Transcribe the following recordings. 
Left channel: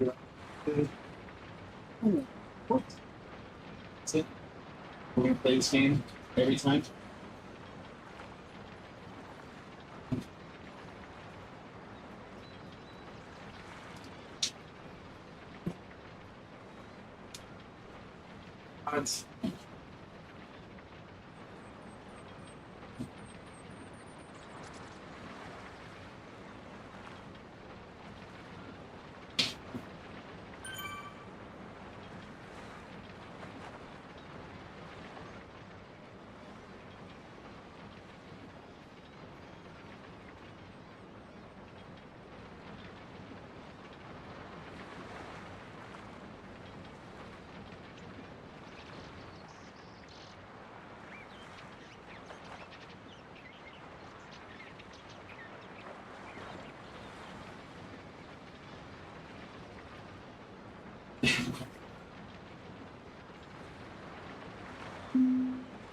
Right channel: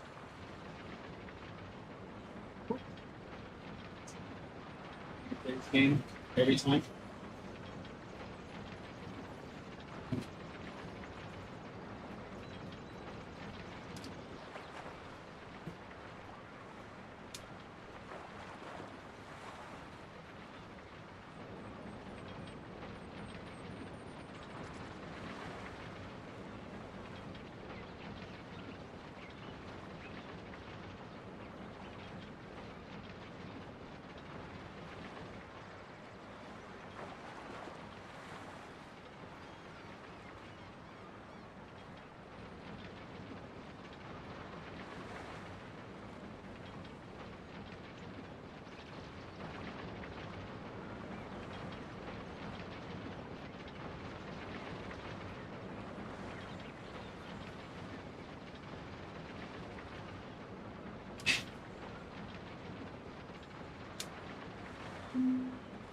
That's it. We're gonna play this game every time. Odds.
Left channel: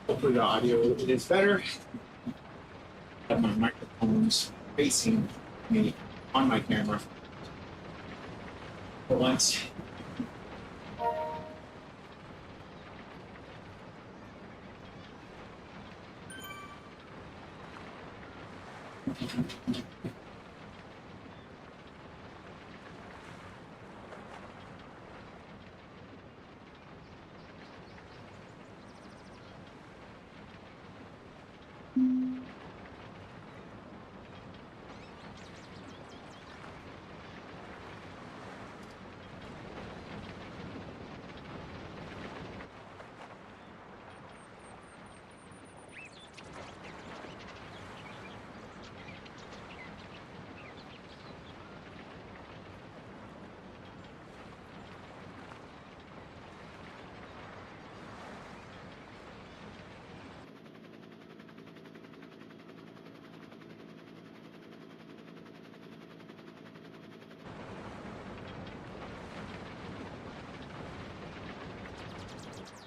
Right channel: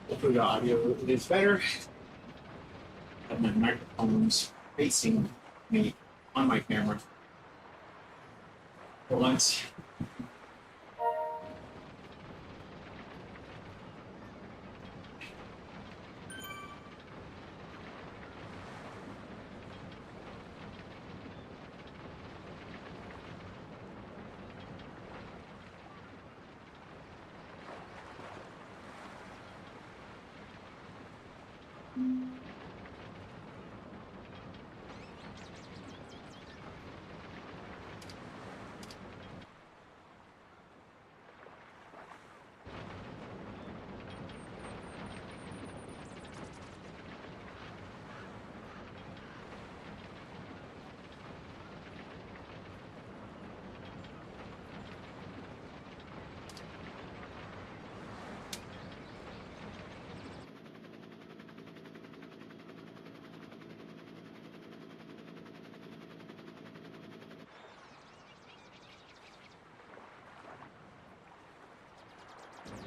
Hopefully the audio is better. I have my microphones facing me on my camera for once.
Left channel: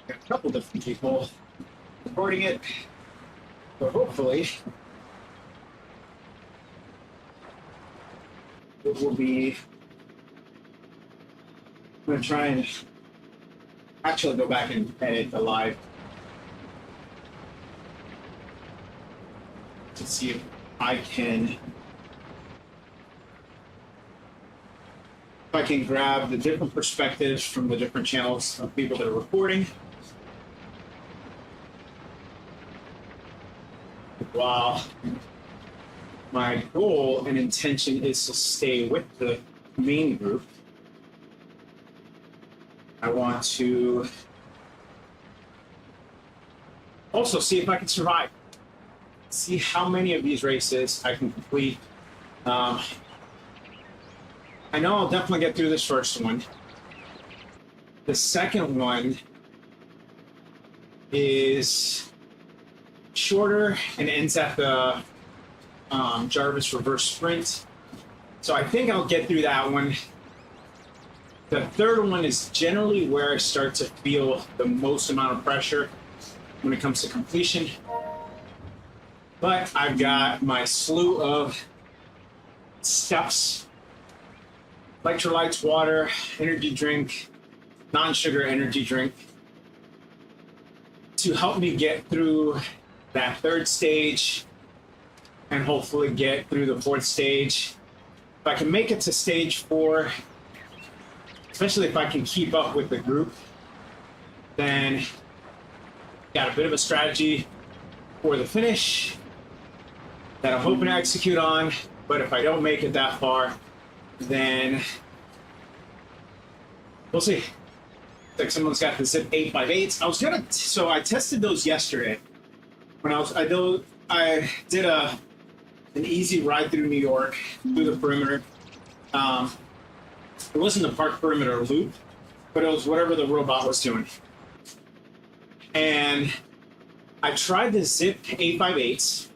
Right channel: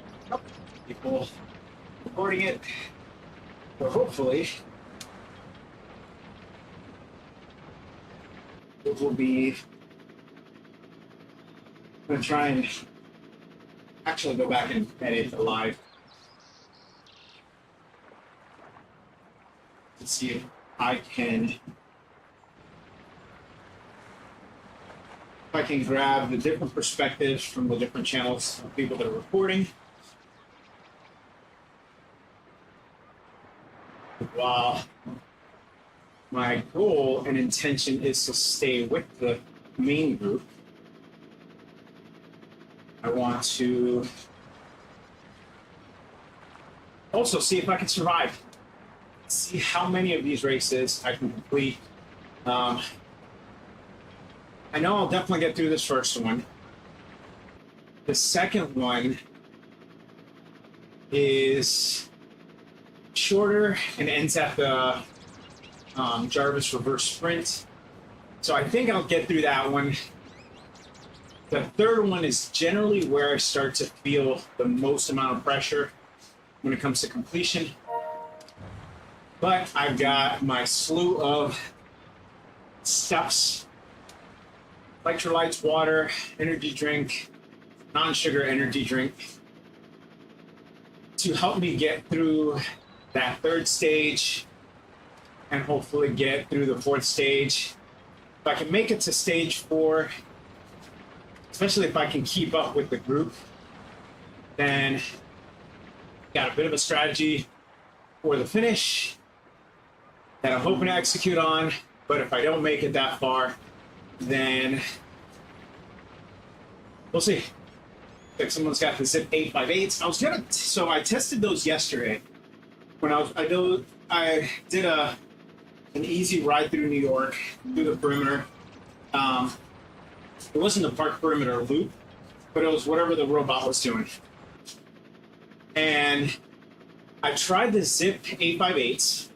A couple different people recording it, but hopefully it will be. I'm going to try and actually go back and edit the live to see if I can grab the different perspectives from the different channels of people that are reporting. While my goal and intention is to stay with the main group, I want to also see if I can survive. See how many of these races I can complete. I know I'll definitely get through this first one. The second one is shorter and ends at the Jarvis reverse sprint. So I think I'll get through that one. The third one is generally where I start to feel the most amount of pressure when it comes to completion. But I've got my slew of steps, electrolytes, water, energy drink, non-sugar energy drink to help me get through that third stage and hopefully get through the fourth stage. If I can make it to stage 4, especially if I can keep up with the group, then got a bit of a strategy for the finish that I'm hoping to execute on. But if I don't make it that far, then we'll see. Like someone's got the Zip 8x8s. So I tested those yesterday when I did an easy ride through New York, through the perimeter. It wasn't the park perimeter loop, but it was whatever the robot was doing. And I tried the Zip 8x8s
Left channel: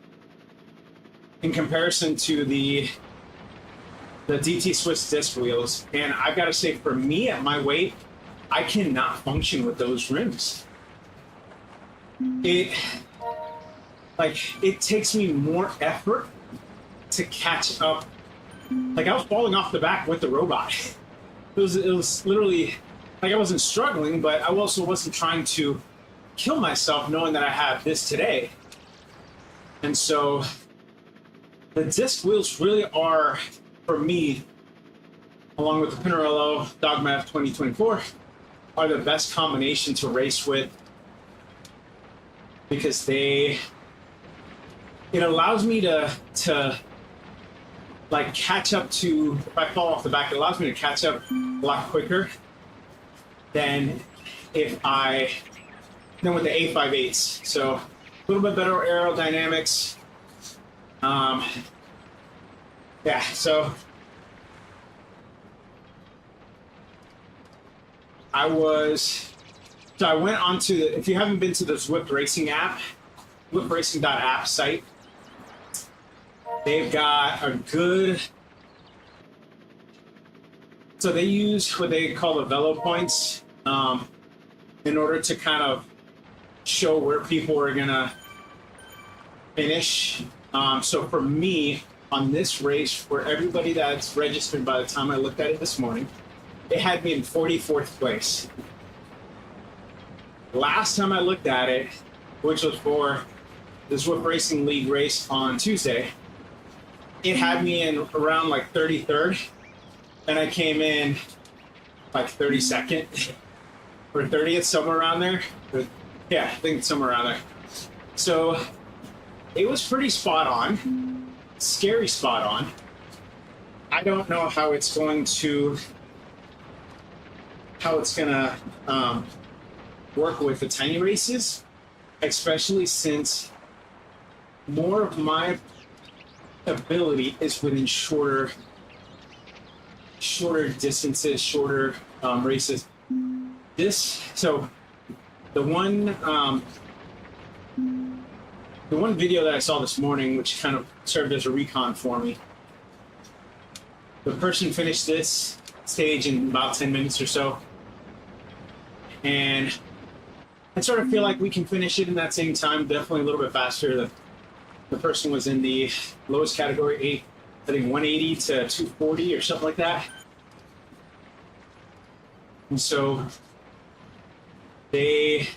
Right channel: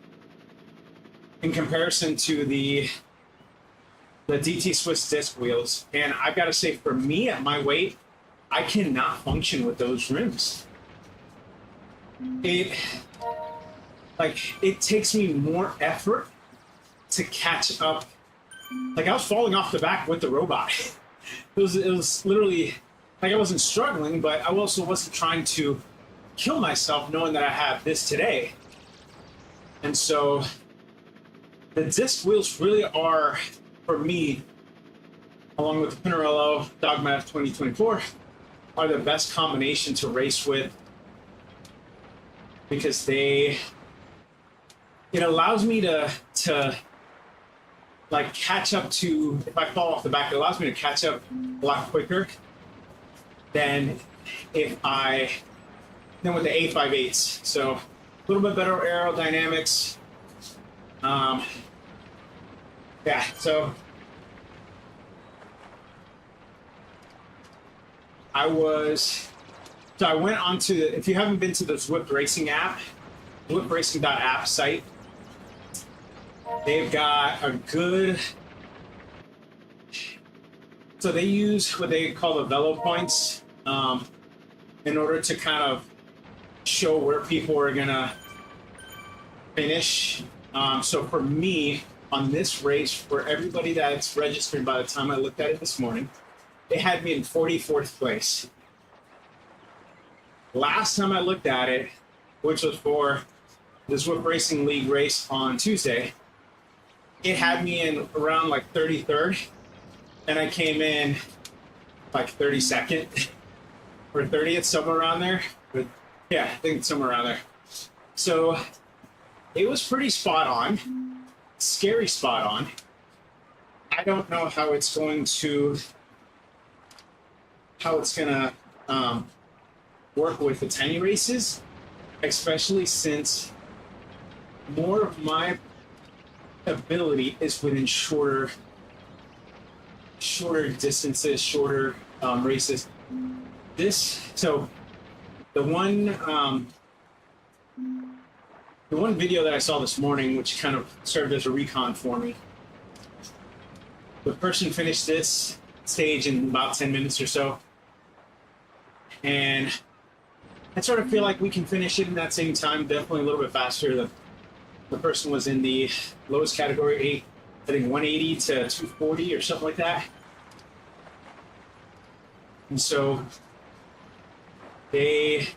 in comparison to the DT Swiss disc wheels, and I've got to say, for me at my weight, I cannot function with those rims. It takes me more effort to catch up. Like, I was falling off the back with the robot. it was literally like I wasn't struggling, but I also wasn't trying to kill myself knowing that I have this today. And so the disc wheels really are, for me, along with the Pinarello Dogma F 2024, are the best combination to race with, because it allows me to like catch up to, if I fall off the back, it allows me to catch up a lot quicker than with the A58s. So a little bit better aerodynamics. Yeah, so I went onto if you haven't been to the Zwift Racing app, zwiftracing.app site, they've got a good, so they use what they call the velo points in order to kind of show where people are gonna finish. So for me, on this race, for everybody that's registered by the time I looked at it this morning, it had me in 44th place. Last time I looked at it, which was for the Zwift Racing League race on Tuesday, it had me in around like 33rd, and I came in like 32nd or 30th, somewhere around there. Yeah, I think somewhere around there. So it was pretty spot on, scary spot on. I don't know how it's gonna work with the tiny races, especially since more of my ability is within shorter distances, shorter races. So the one video that I saw this morning, which kind of served as a recon for me, the person finished this stage in about 10 minutes or so, and I sort of feel like we can finish it in that same time, definitely a little bit faster. The person was in the lowest category, I think 180 to 240 or something like that. And so they,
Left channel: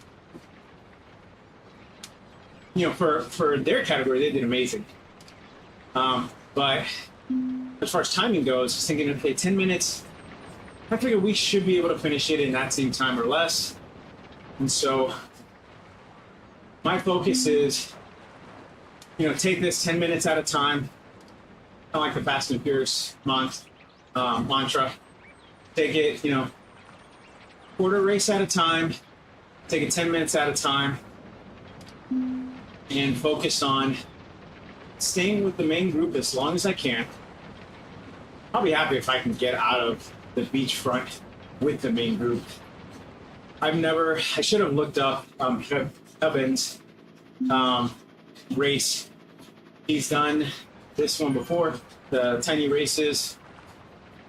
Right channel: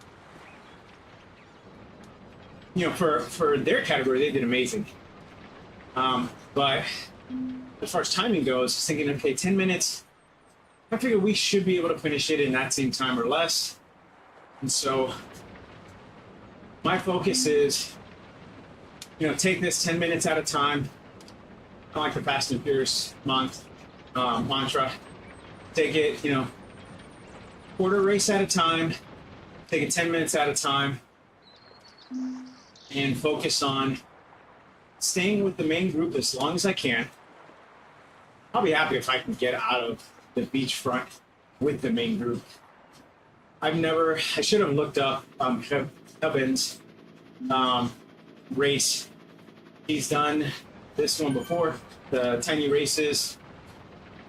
for their category, they did amazing. But as far as timing goes, I was thinking, okay, 10 minutes, I figured we should be able to finish it in that same time or less. And so my focus is, take this 10 minutes at a time. I like the Fast and Furious mantra. Take it, quarter race at a time. Take it 10 minutes at a time. And focus on staying with the main group as long as I can. I'll be happy if I can get out of the beachfront with the main group. I should have looked up Evan's race. He's done this one before, the tiny races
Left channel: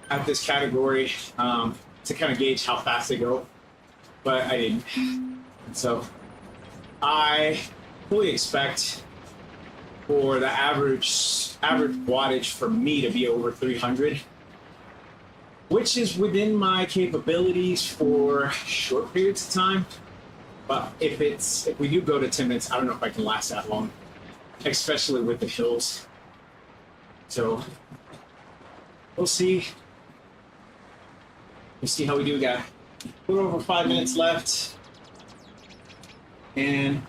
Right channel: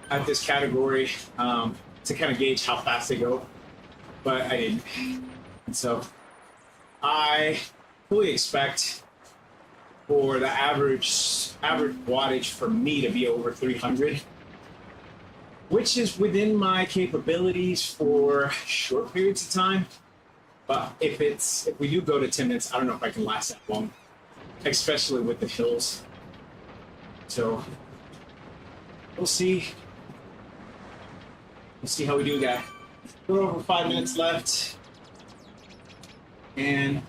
at this category, to kind of gauge how fast they go, but I didn't. And so I fully expect for the average wattage for me to be over 300, which is within my capabilities for short periods of time. But if we do go to 10 minutes, I don't know if I can last that long, especially with the hills. So we'll see. We'll see how we do. Got a little over 5 minutes left, and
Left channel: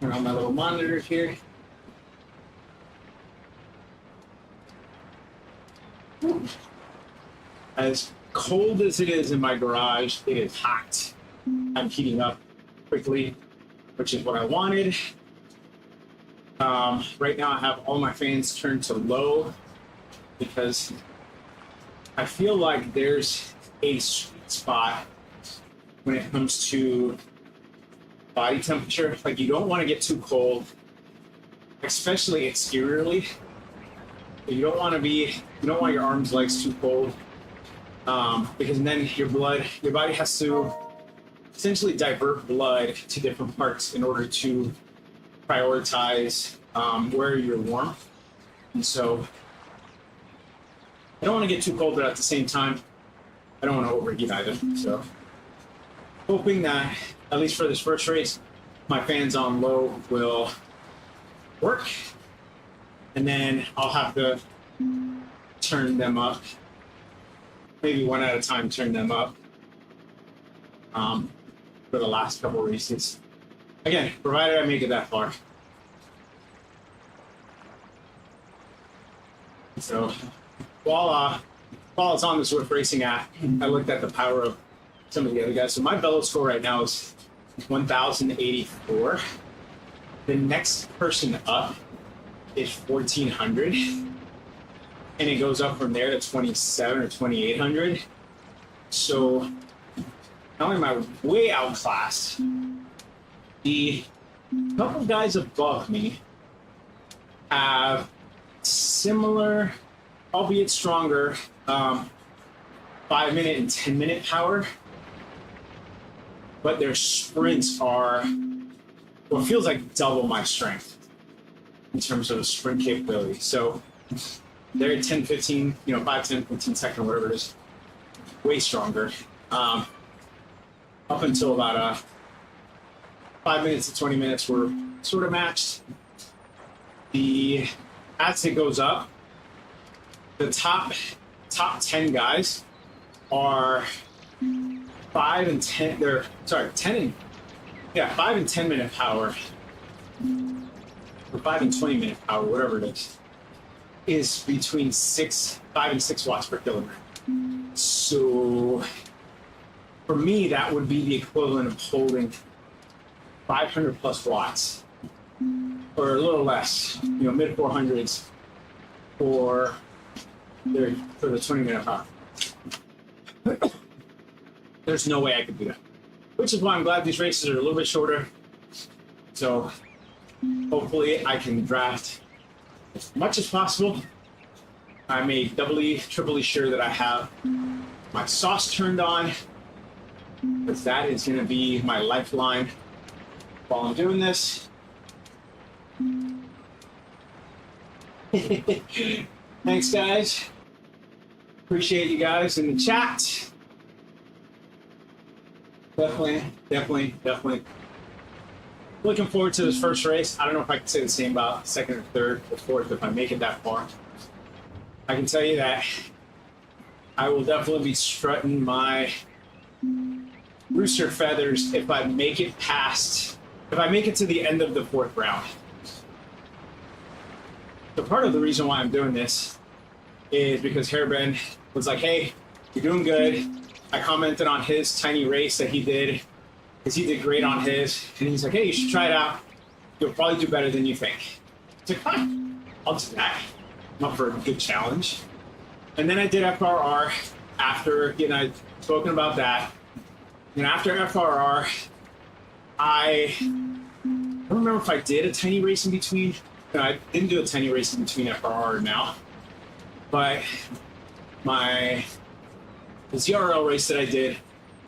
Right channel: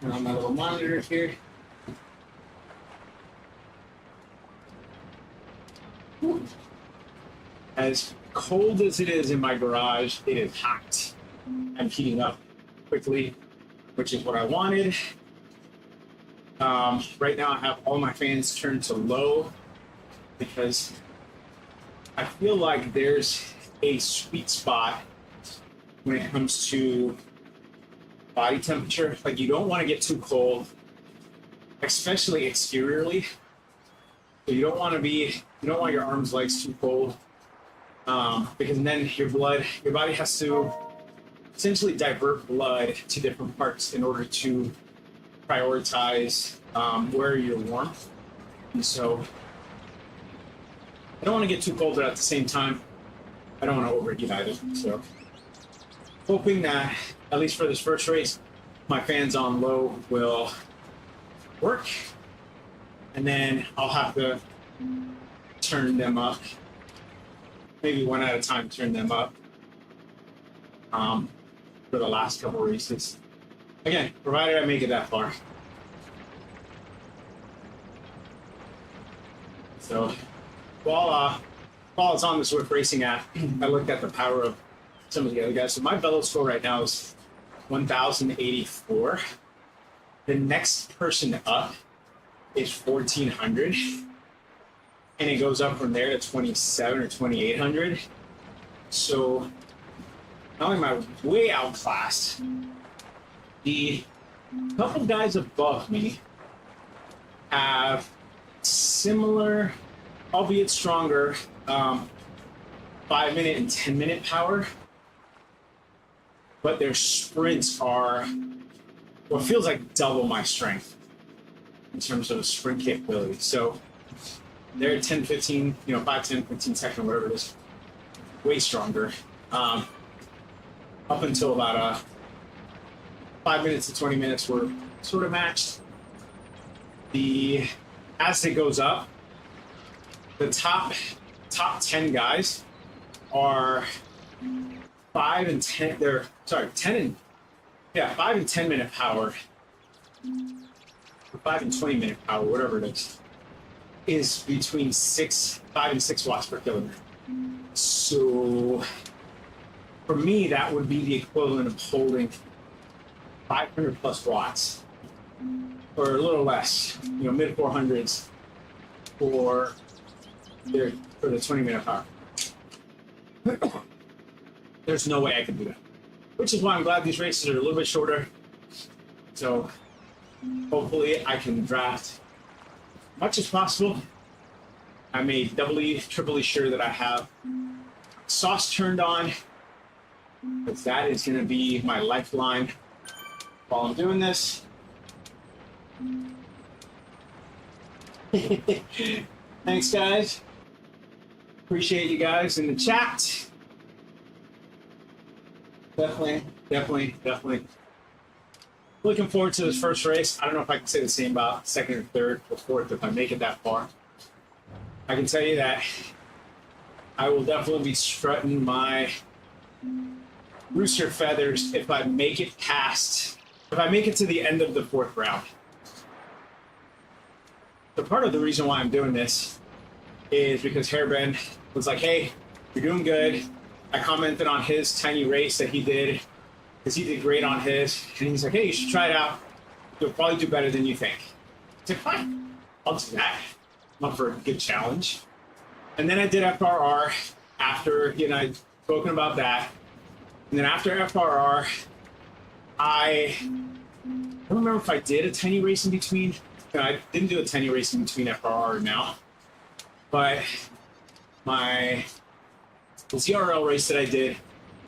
turn on my little monitor here. As cold as it is in my garage, it is hot. I'm heating up quickly, which is what I wanted. Right now I have all my fans turned to low because I feel like there's a sweet spot when it comes to body temperature. Like, you don't want to get too cold, especially exteriorly. You don't want your arms, legs too cold, because then your body has to essentially divert blood to different parts in order to prioritize where you're warm. And so I don't want to get too cold, but at the same time, I don't want to overheat either. So, hoping that, at least for this first race, my fans on low will work. And then I'll have to turn them up. Maybe one at a time, turn them up for the last couple races. Again, provided I make it that far. So while it's on the Zwift Racing app, I looked at the power of some of the other guys. So my Velo score right now is 1,084. The next person up is 1,400. And it goes up from there to 27 or 2,800. So not only am I way outclassed, the couple guys above me have similar, albeit stronger, 5-minute and 10-minute power, but their sprints are what feels like double my strength in terms of sprint capability. So they're 10, 15, 5, 10, 15 second, whatever it is, way stronger. Up until about 5 minutes to 20 minutes were sort of matched. As it goes up, the top 10 guys are 5 and 10. They're 10 and 5 and 10 minute power, or 5 and 20 minute power, whatever it is between 5 and 6 watts per kilogram. So for me, that would be the equivalent of holding 500 plus watts, or a little less, mid 400s for the 20-minute power. There's no way I could do that, which is why I'm glad these races are a little bit shorter. So hopefully I can draft as much as possible. I make doubly, triply sure that I have my sauce turned on, because that is going to be my lifeline while I'm doing this. Thanks, guys. Appreciate you guys in the chat. Definitely. Looking forward to this first race. I don't know if I can say the same about second or third or fourth if I make it that far. I can tell you that I will definitely be strutting my rooster feathers if I make it to the end of the fourth round. So part of the reason why I'm doing this is because Hairbend was like, hey, you're doing good. I commented on his tiny race that he did, because he did great on his. And he's like, hey, you should try it out. You'll probably do better than you think. I was like, fine, I'll do that. I'm up for a good challenge. And then I did FRR after, I'd spoken about that. And then after FRR, I don't remember if I did a tiny race in between. No, I didn't do a tiny race in between FRR and now. But the ZRL race that I did,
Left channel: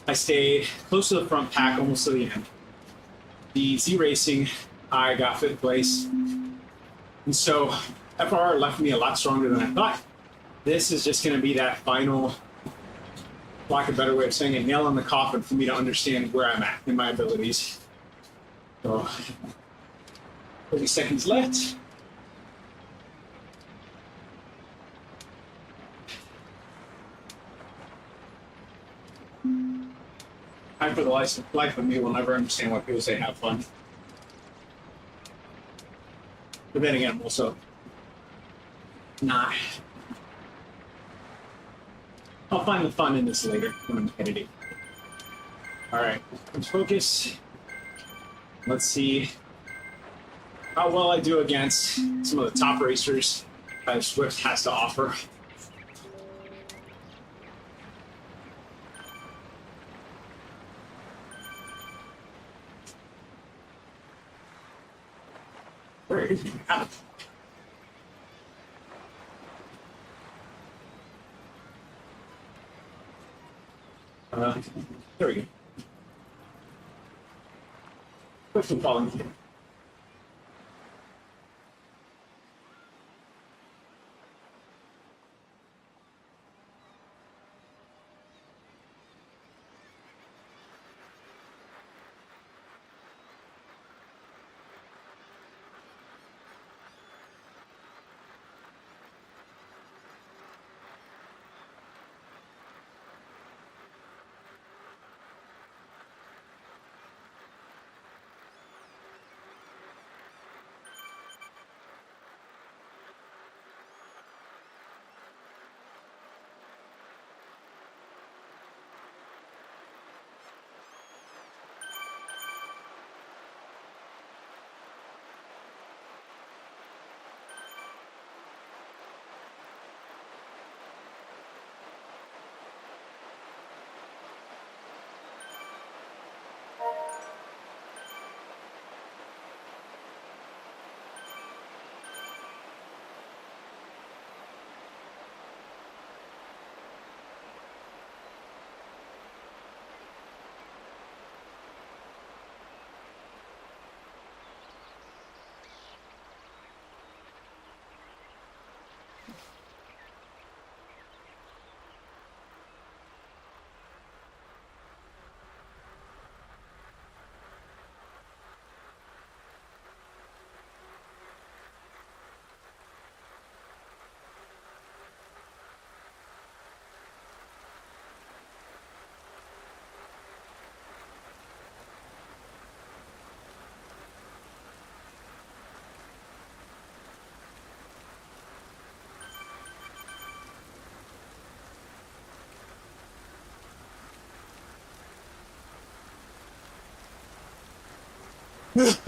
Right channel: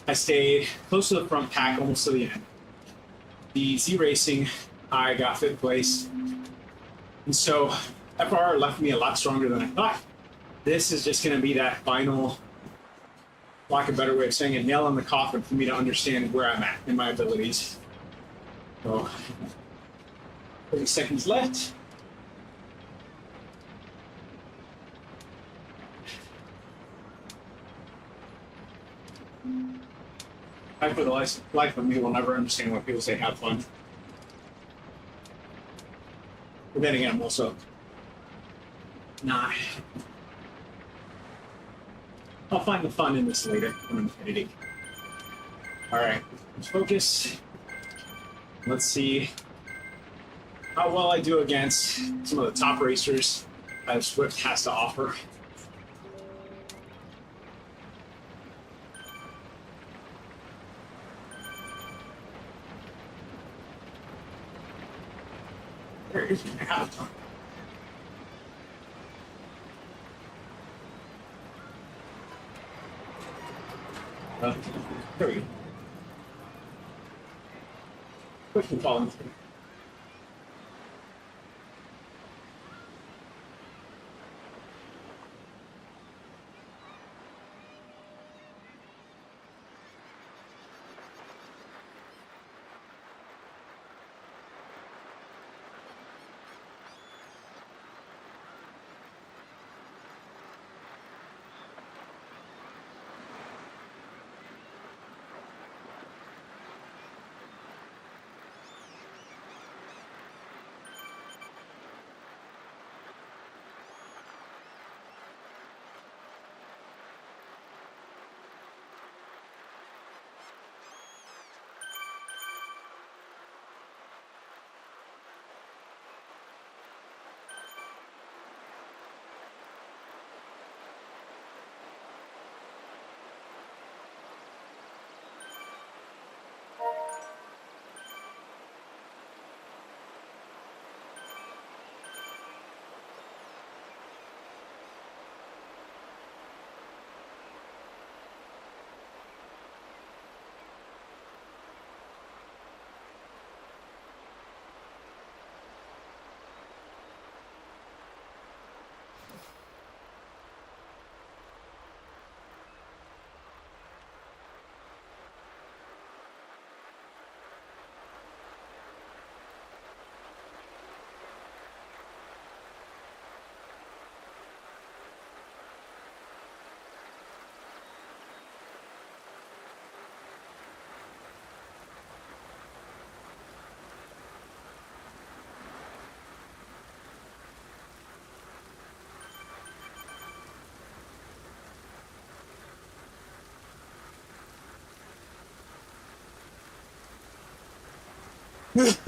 I stayed close to the front pack, almost to the end. The Z Racing, I got 5th place. And so FRR left me a lot stronger than I thought. This is just going to be that final, lack of a better way of saying it, nail in the coffin for me to understand where I'm at in my abilities. So, 30 seconds left. I, for the life of me, will never understand why people say have fun. But then again, I'm also not. I'll find the fun in this later when I'm editing. All right, let's focus. Let's see how well I do against some of the top racers that Zwift has to offer. Where is my avatar? There we go. Push and follow. Right.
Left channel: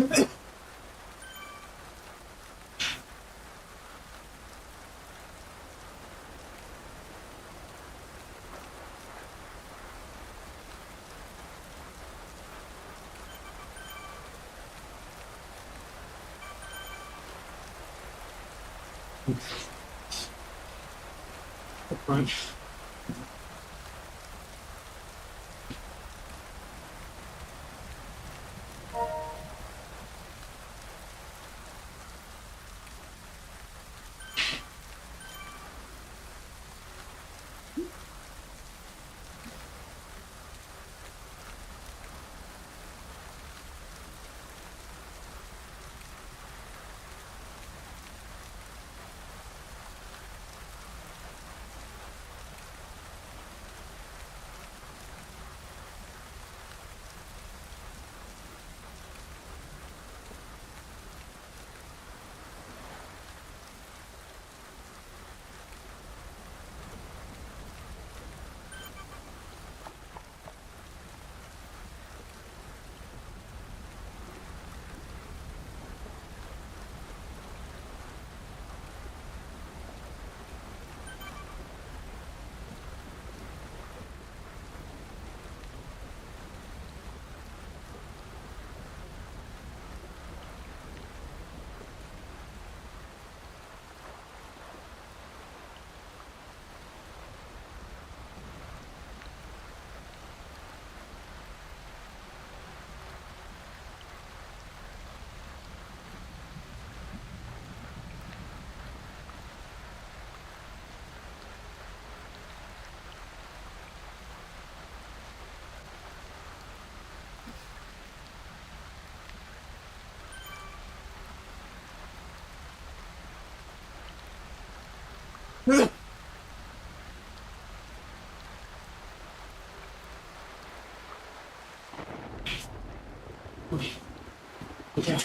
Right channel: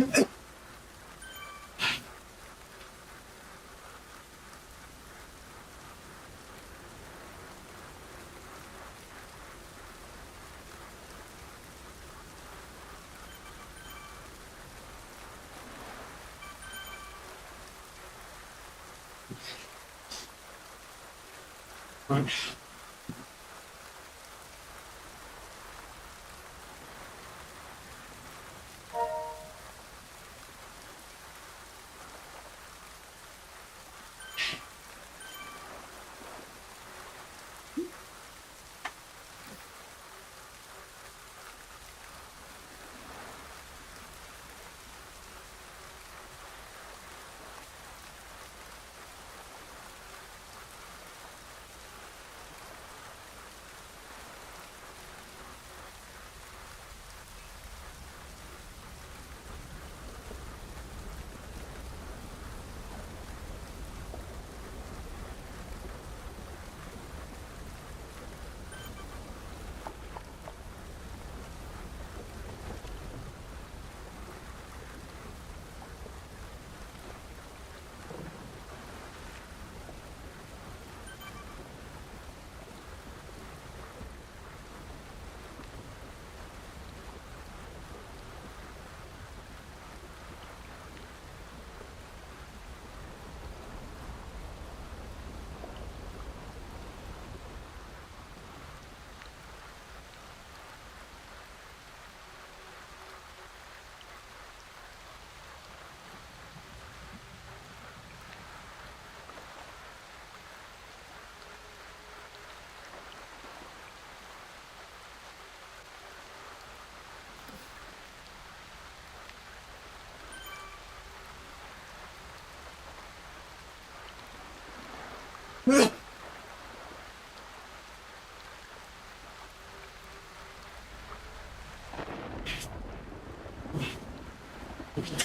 Okay.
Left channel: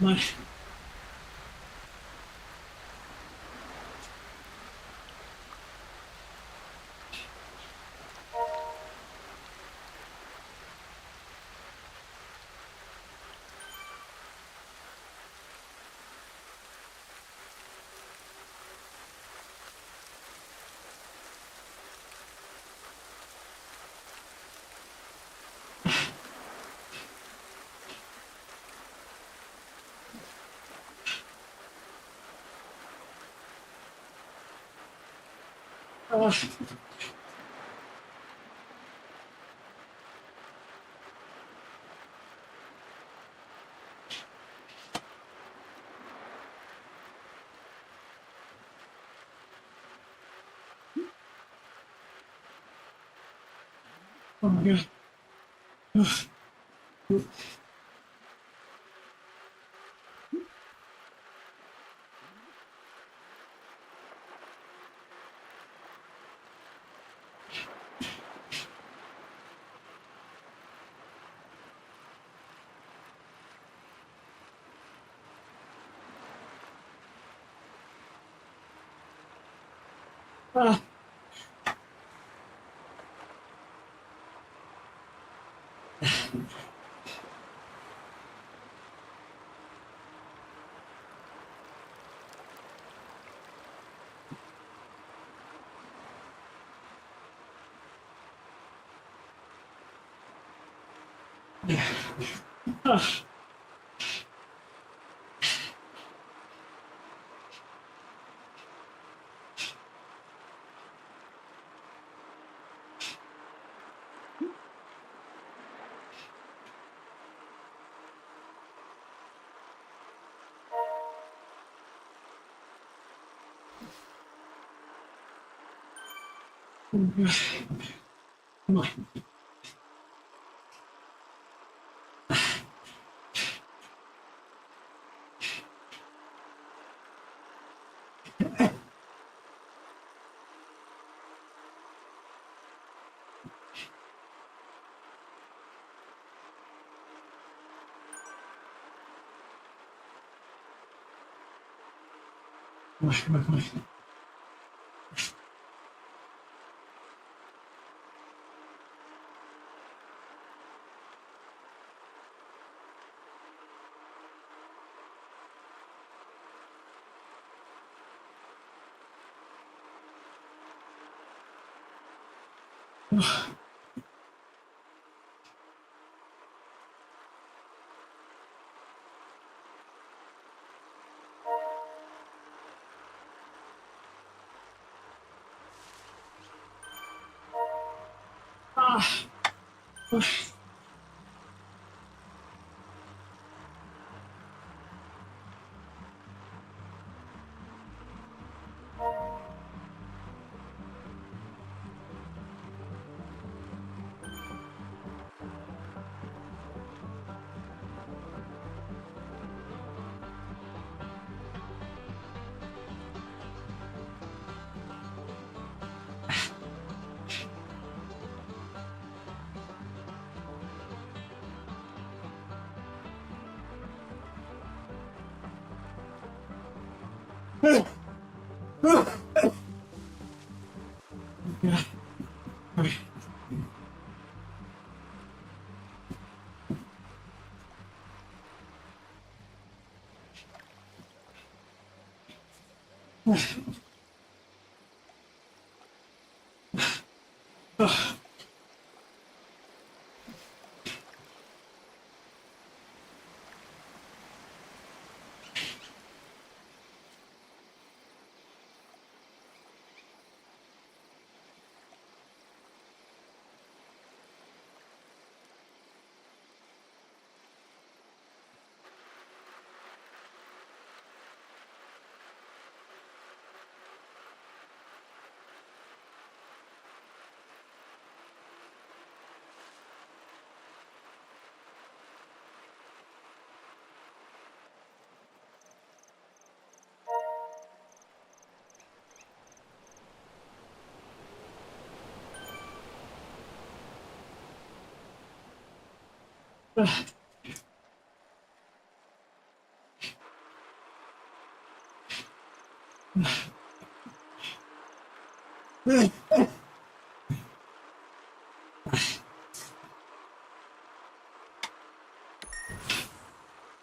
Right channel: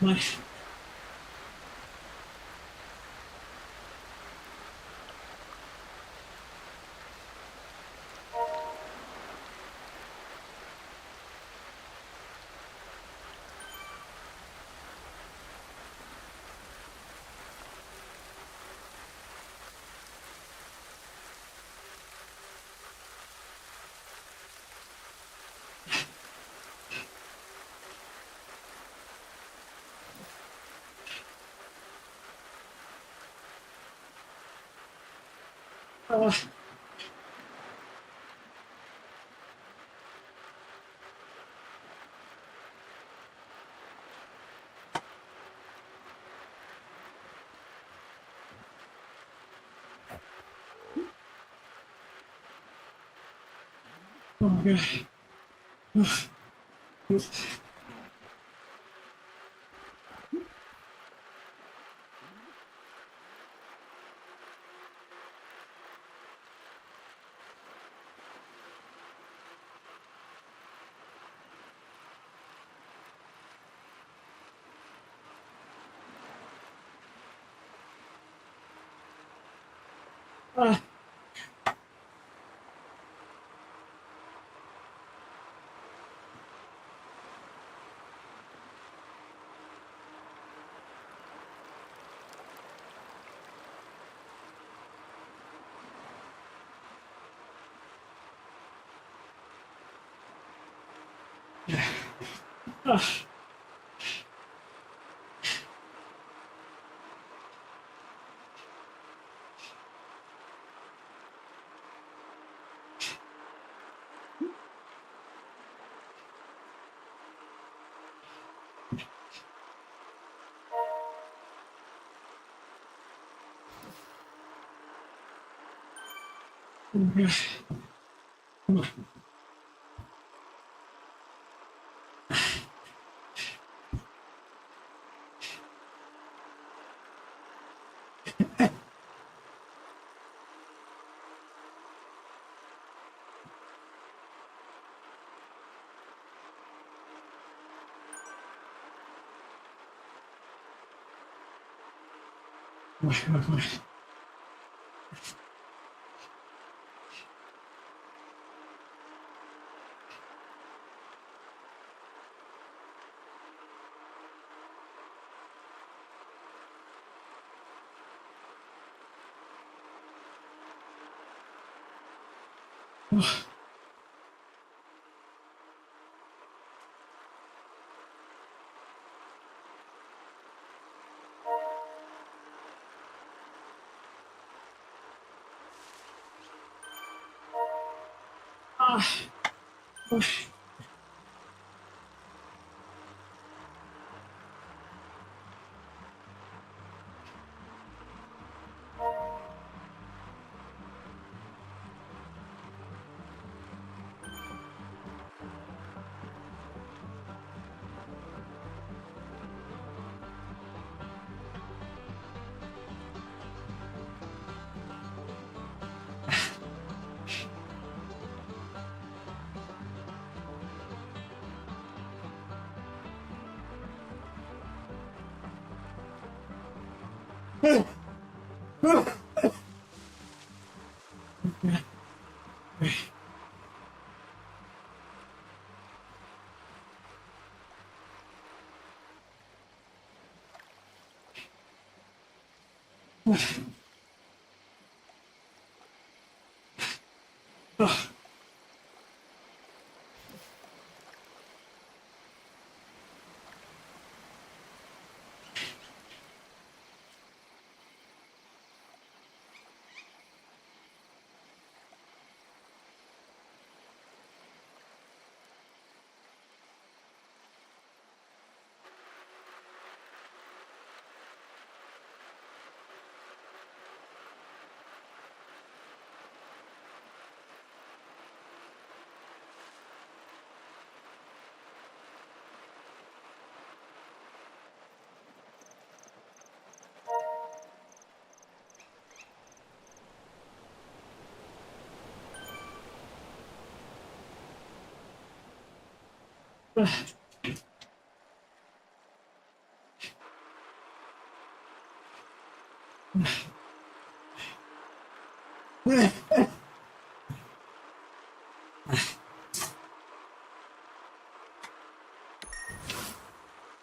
Nice. Oh my god. Ah. Ah. Oh my god. Come on.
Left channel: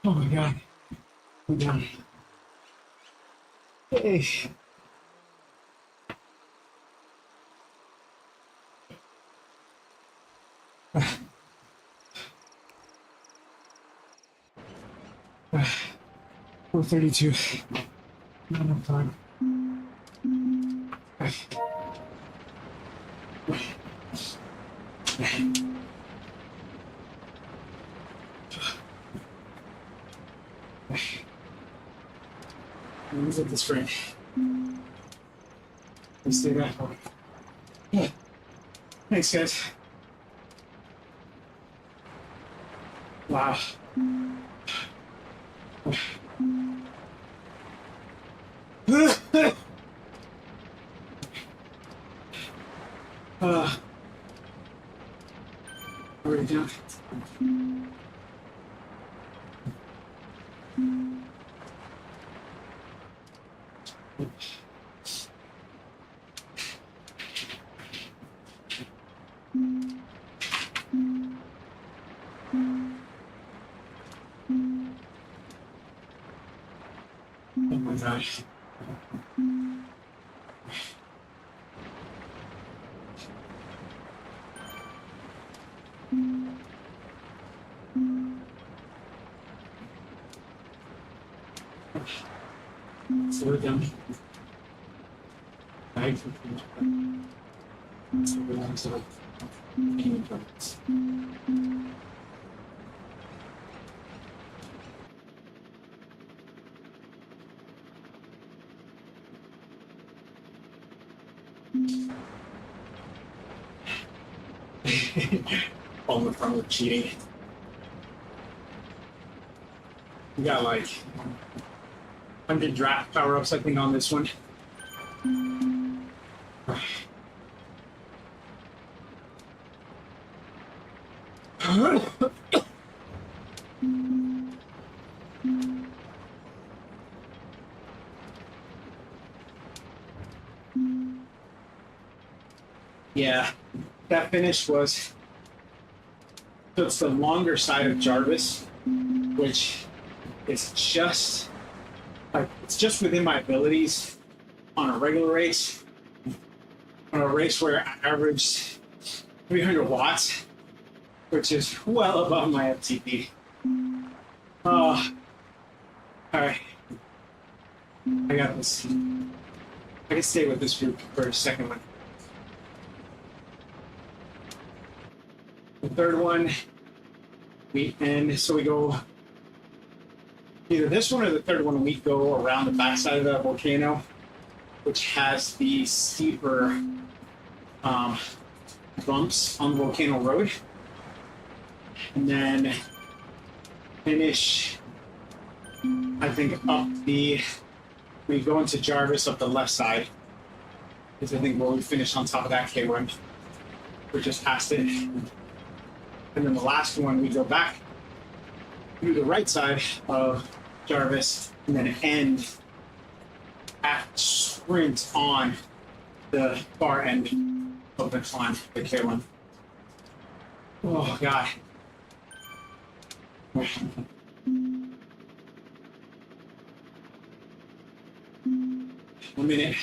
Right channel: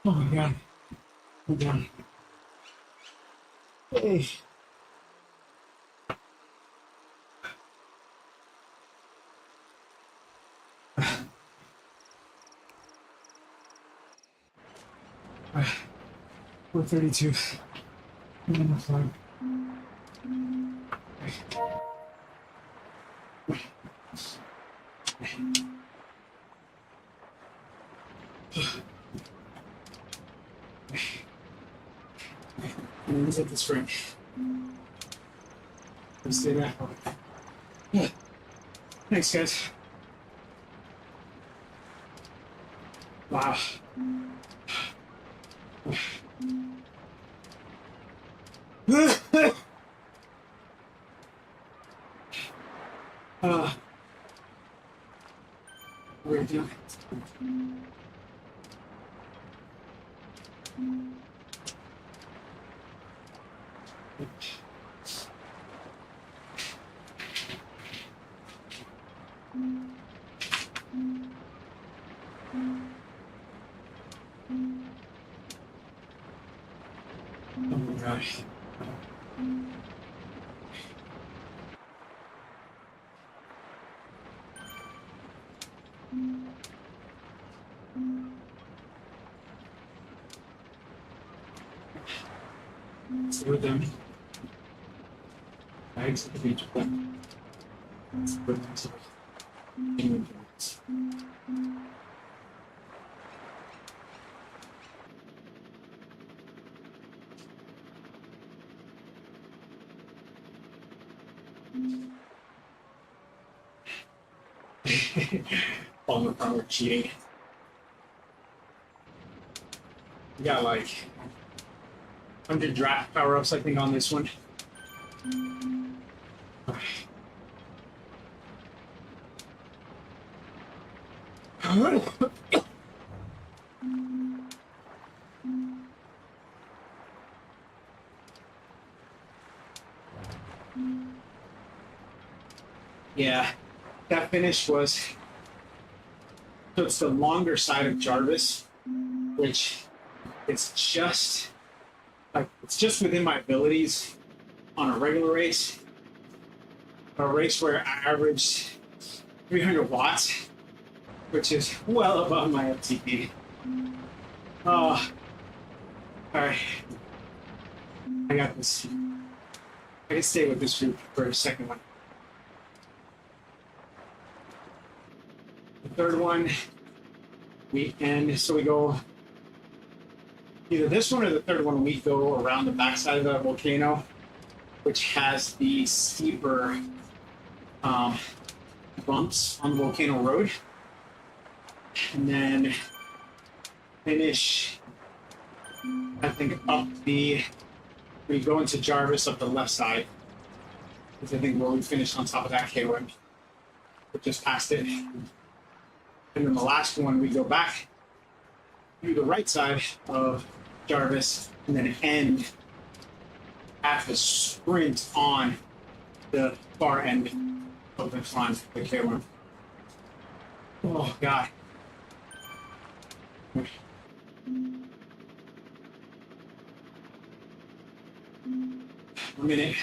Oh my God. I'm done. Hey. Uh, 4:32. Not enough time. Let me take this frame. Let's stay back. Yeah. Thanks, guys. Wow. We're down. Oh my gosh. Slow down. Bags of the beach. Relax it. All the fun with cheating. We got like 100 draft power-ups, I think, on this one. Yeah, that finish was, so it's the longer side of Jarvis, which is just like, it's just within my abilities on a regular race. On a race where I averaged 300 watts, which is well above my FTP. All right, I got this. I can stay with this group for a second one. The third one, we end, so we go, either this one or the third one, we go around the backside of the volcano, which has the steeper bumps on the volcano road. And then finish, I think, we go into Jarvis up the left side. Because I think where we finish on top of that K1. We're just past it. And then the last one, we go back through the right side of Jarvis and then end at the sprint on the far end of the climb, the K1. Oh, God. 1 minute.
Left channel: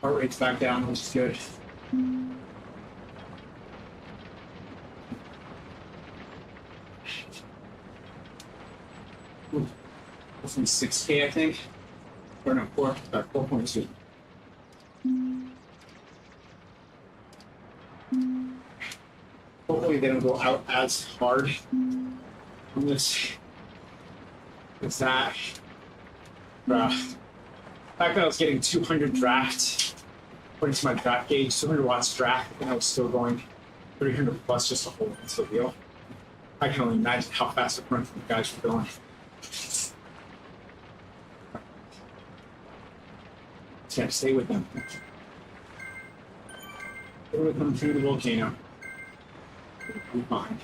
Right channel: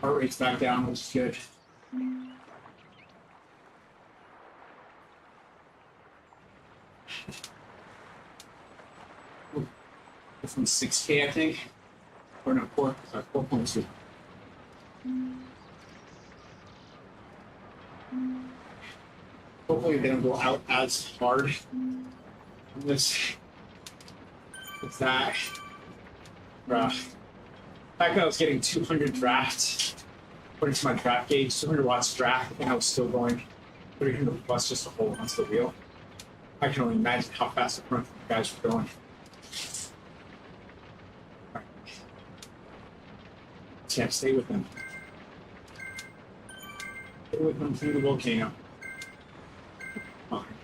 Heart rate's back down, which is good. This one's 6K, I think. Or no, 4.2. Hopefully they don't go out as hard on this. It's that. Bruh. The fact that I was getting 200 draft, according to my draft gauge, 200 watts draft, and I was still going 300 plus just to hold onto the wheel. I can only imagine how fast the front guys were going. Can't stay with them. Stay with them through the volcano. Be fine.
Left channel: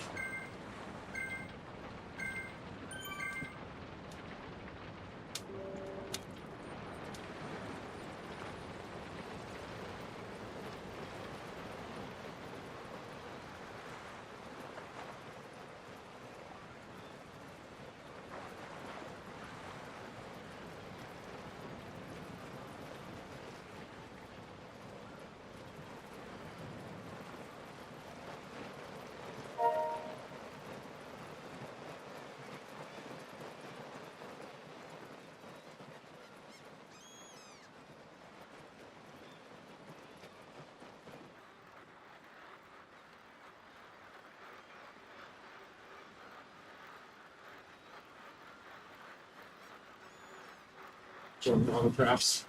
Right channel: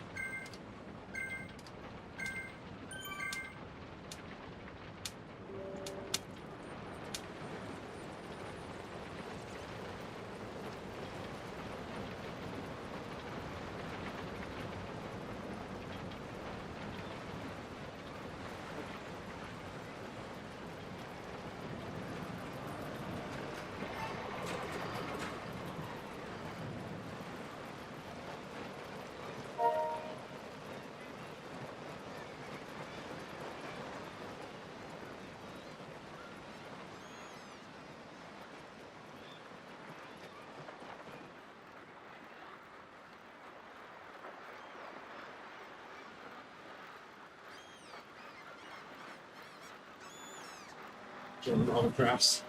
Join all the crafts.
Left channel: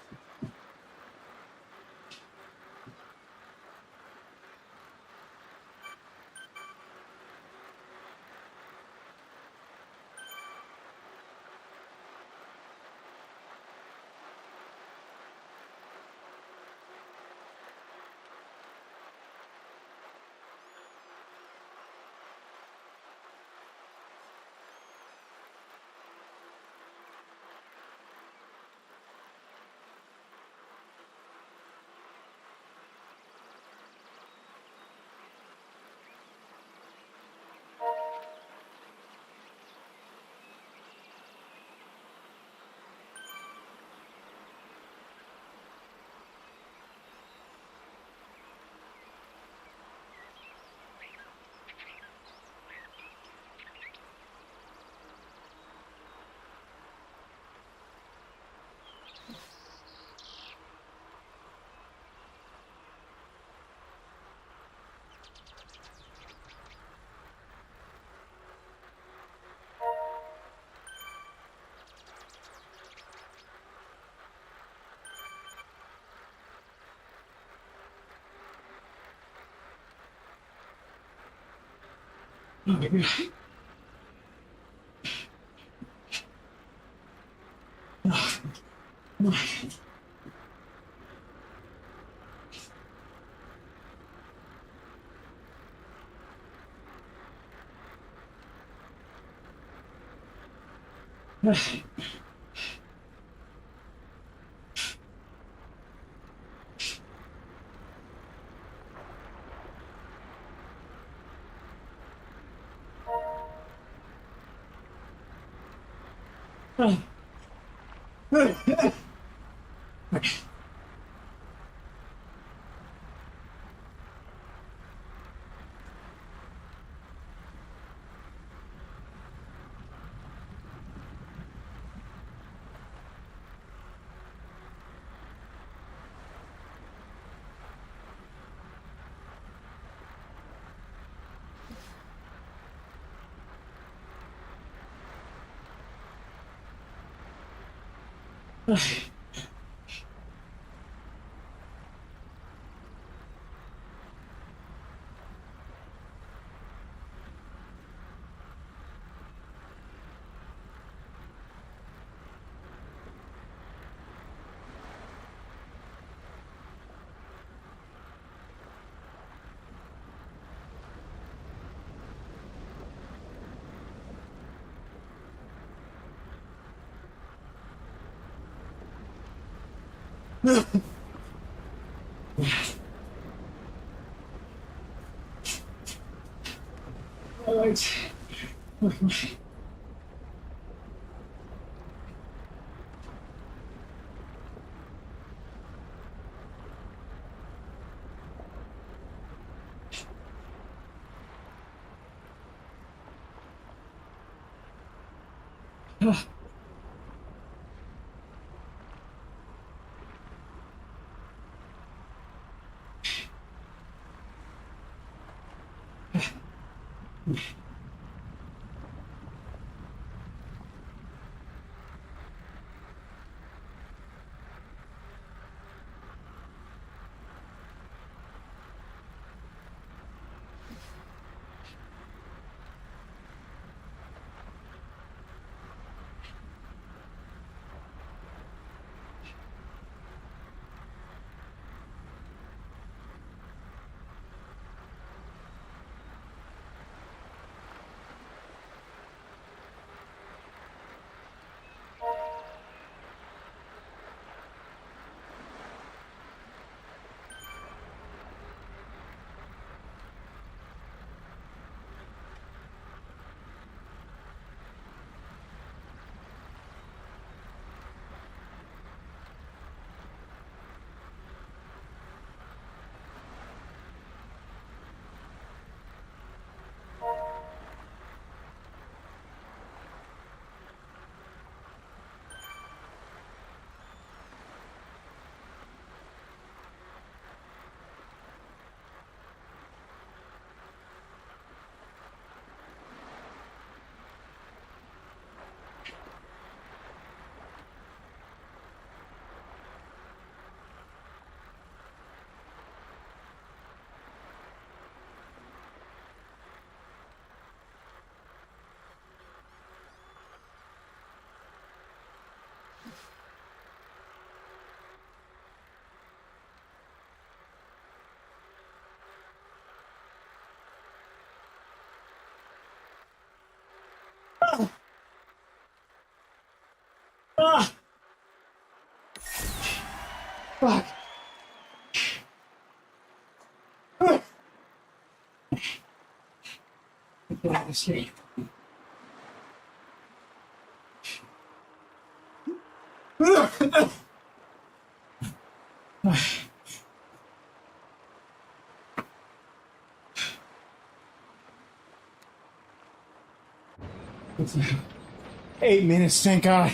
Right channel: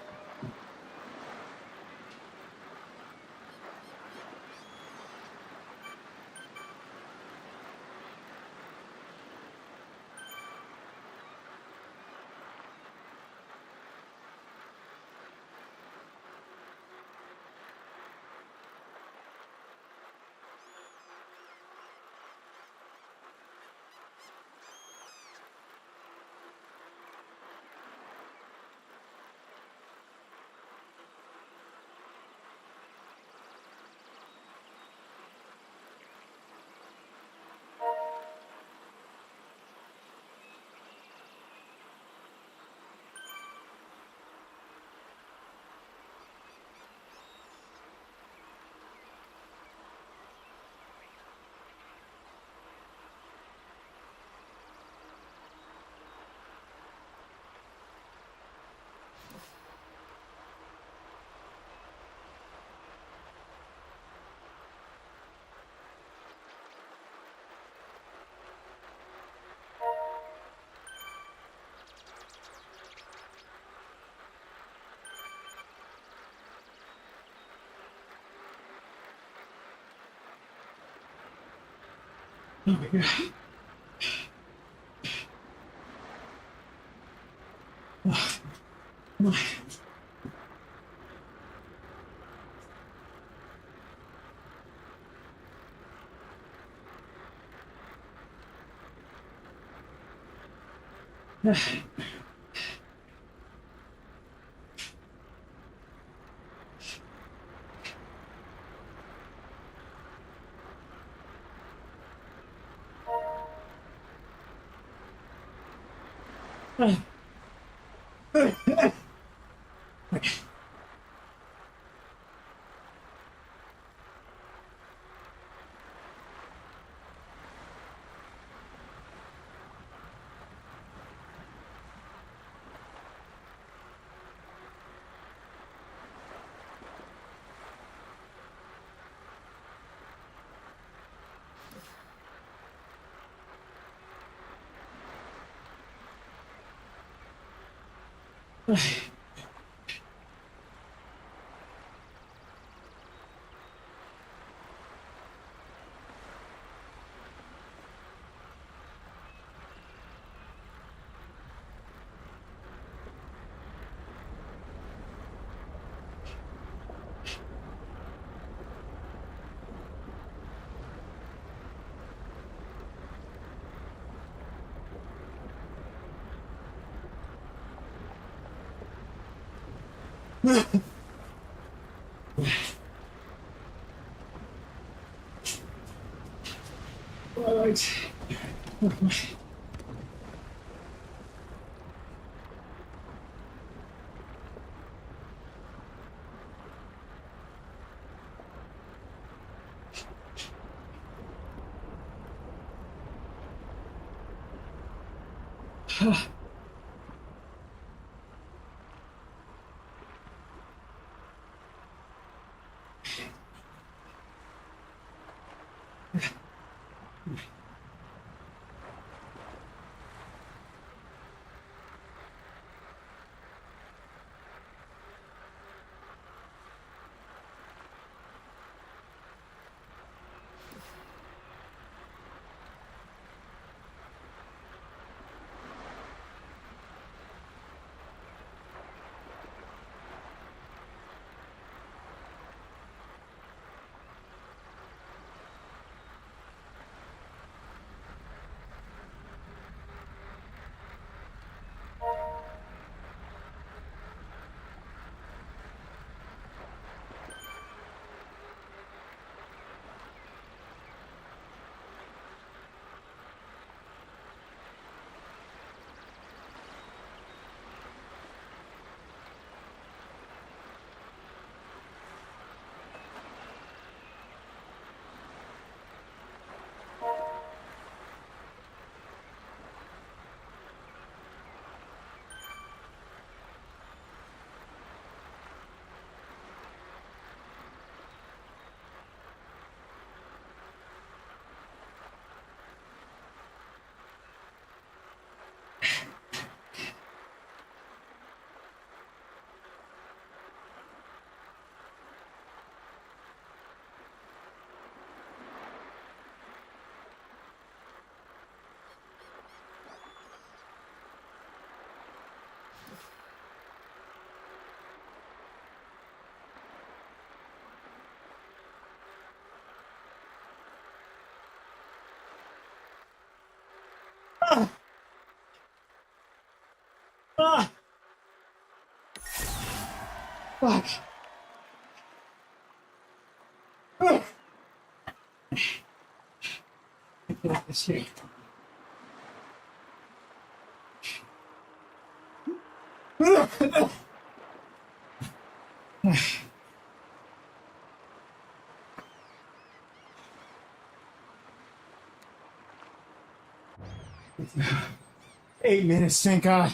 Oh my God. All right. Ah. Ah. Fuck. Ah. I feel like this here. It's 8 minutes, thank God.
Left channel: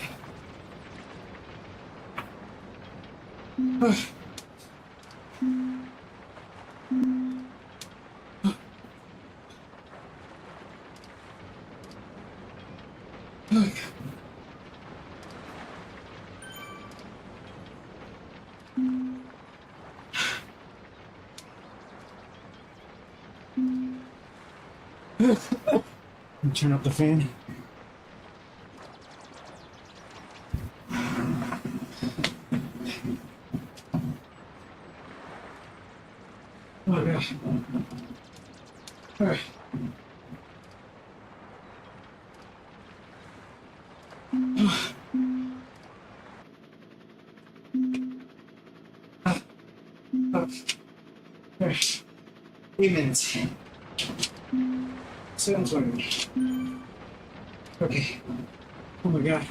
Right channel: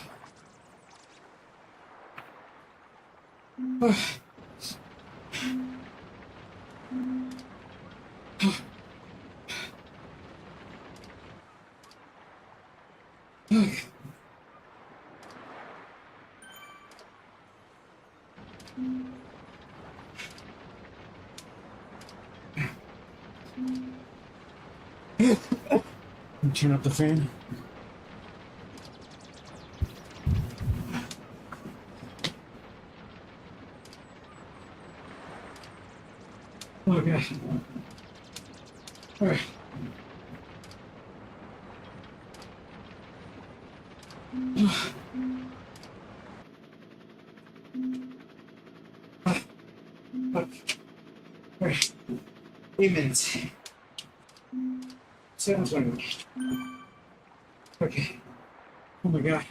Turn up the fan. Oh gosh. All right. All right. 8 minutes. Sounds like me. Okay. Oh my God.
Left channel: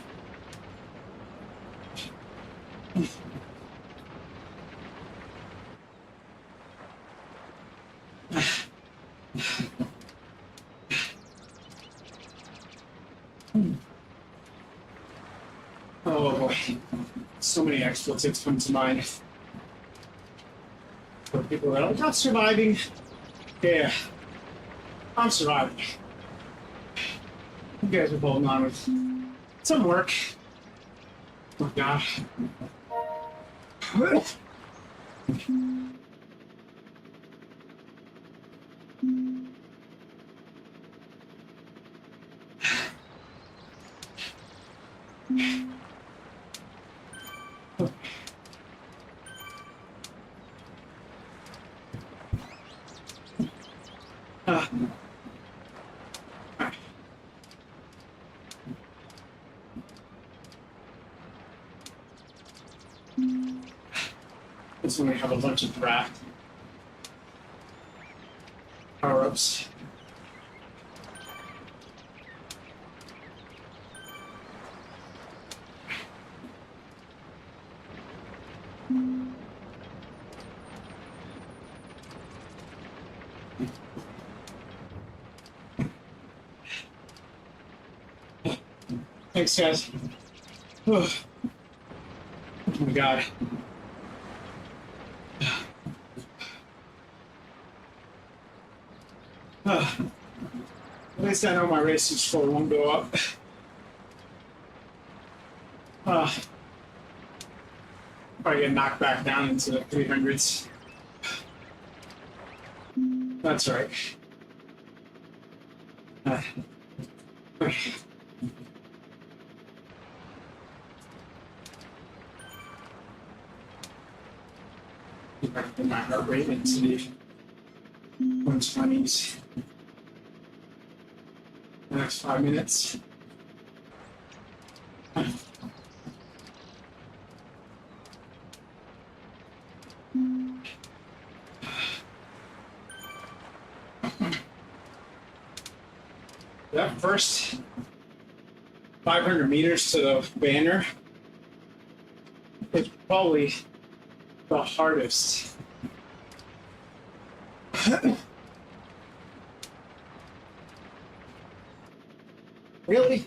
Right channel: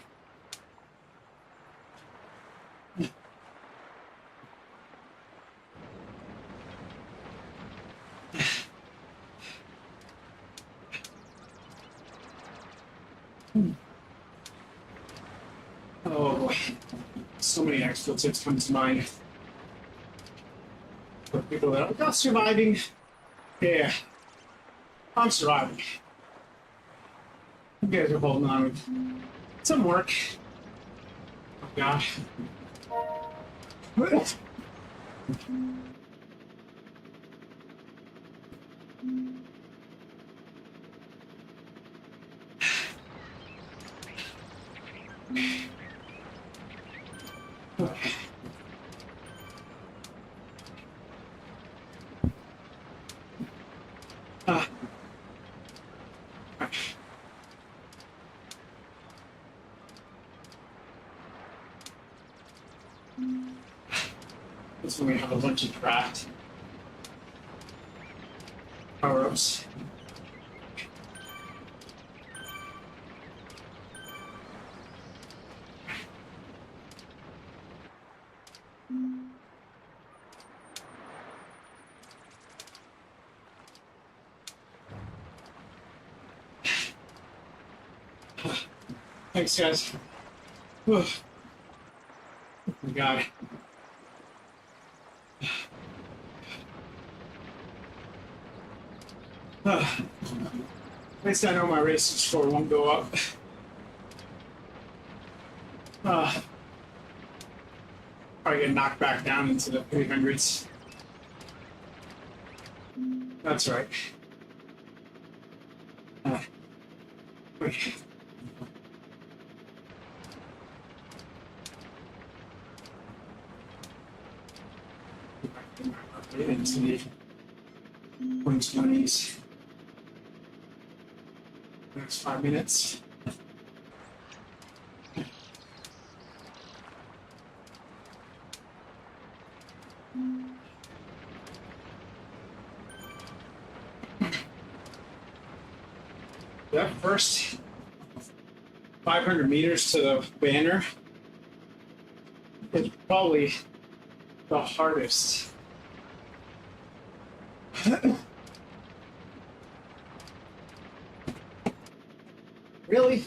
Oh boy. So many expletives come to mind. For people that are not surviving. Yeah. I'm surviving. You guys are holding on with some work. Oh gosh. This one we have a bunch of draft power-ups. Thanks, guys. Oh my god. At least I know my racing score won't go up. Probably get knocked back down into the 300s. That's right. Okay. If I can get my heart rate into the 120s. The next 5 minutes. That first 500 meters to the banner is probably the hardest. Really?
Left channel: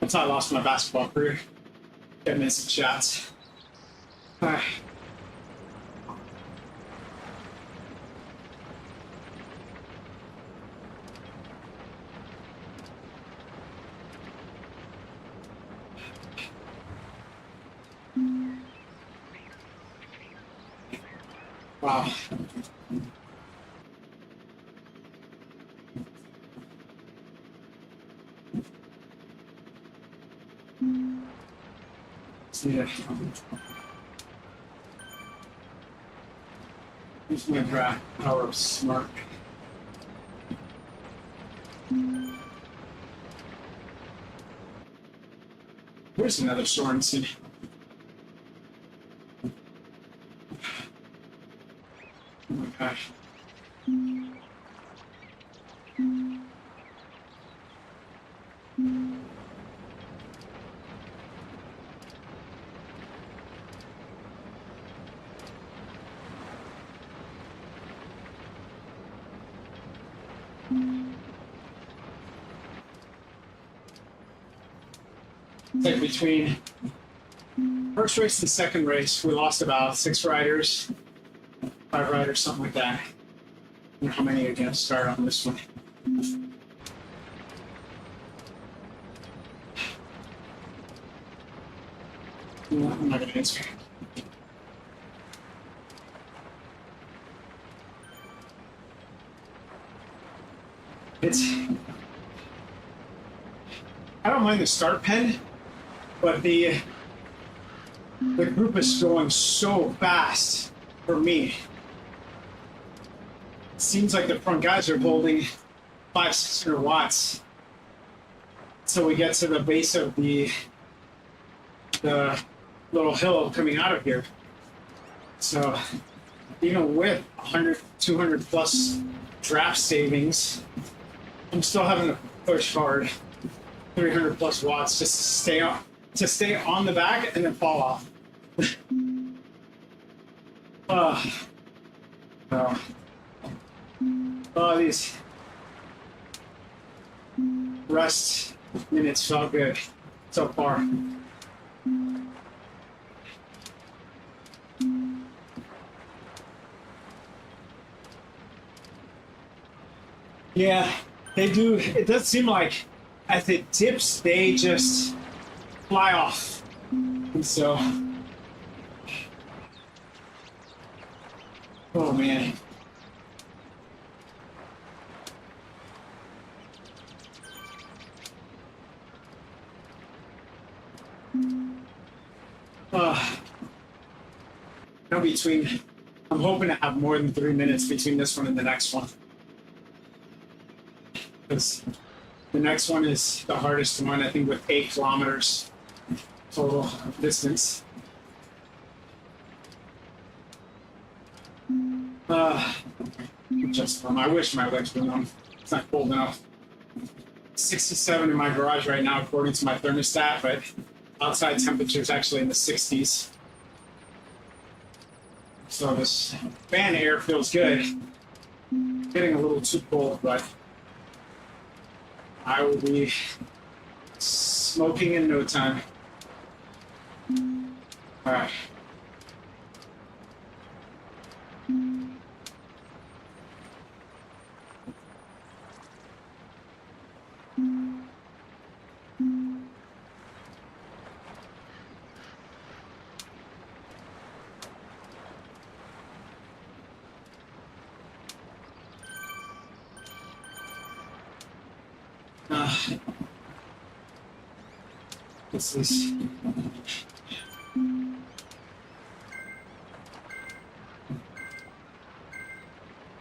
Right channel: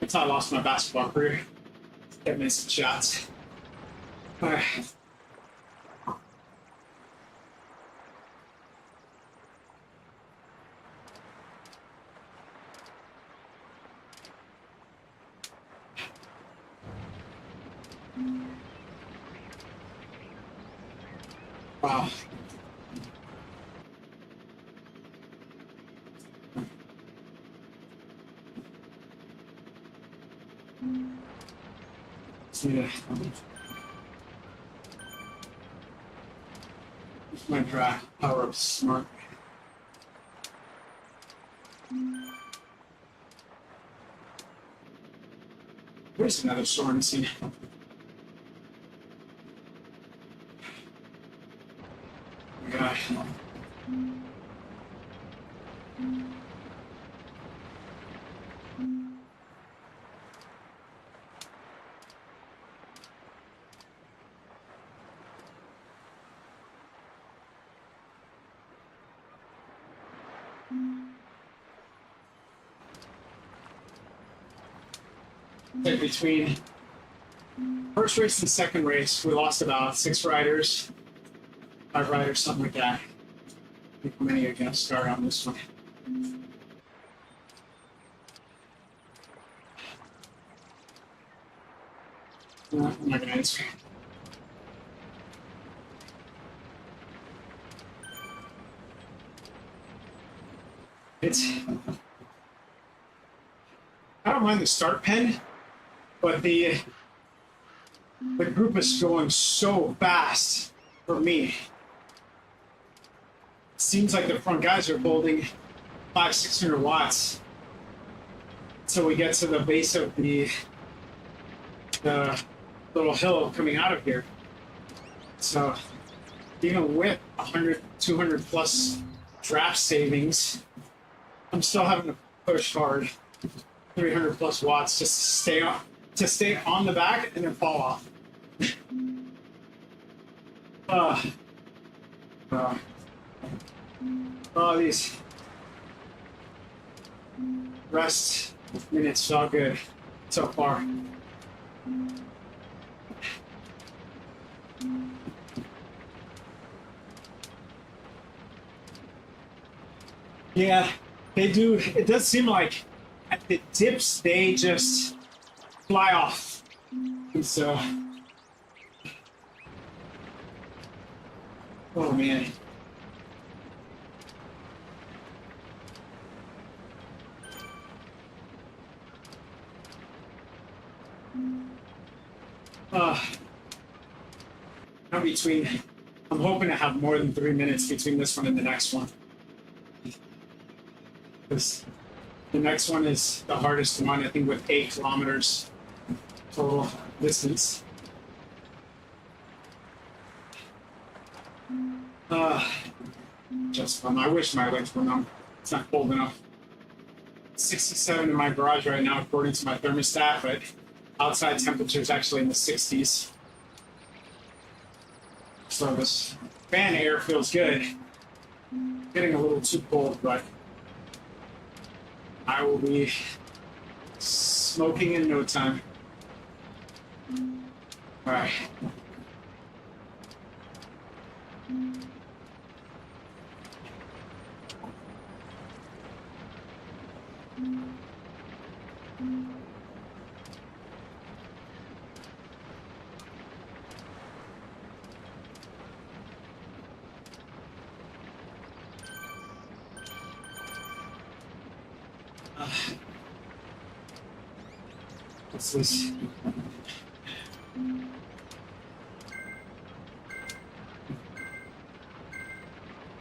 That's how I lost my basketball career. Kept missing shots. Alright. Wow. Yeah. Use my dry power of smart. Here's another Sorensen. Oh my gosh. Like between first race and second race, we lost about 6 riders, 5 riders, something like that. I don't know how many are going to start on this one. No, I'm not going to answer. I don't mind the start pen, but the group is going so fast for me. It seems like the front guys are holding 500-600 watts. So we get to the base of the little hill coming out of here. So even with 100, 200 plus draft savings, I'm still having to push hard. 300 plus watts just to stay on the back and then fall off. Oh, these rest minutes felt good so far. Yeah, they do. It does seem like at the dips, they just fly off. And so, oh man. Now between, I'm hoping to have more than 3 minutes between this one and the next one. Because the next one is the hardest one, I think, with 8 kilometers total distance. Just fun. I wish my legs were numb. It's not cold enough. 67 in my garage right now, according to my thermostat, but outside temperature is actually in the 60s. So this fan air feels good. Getting a little too cold, but I will be smoking in no time. All right. This is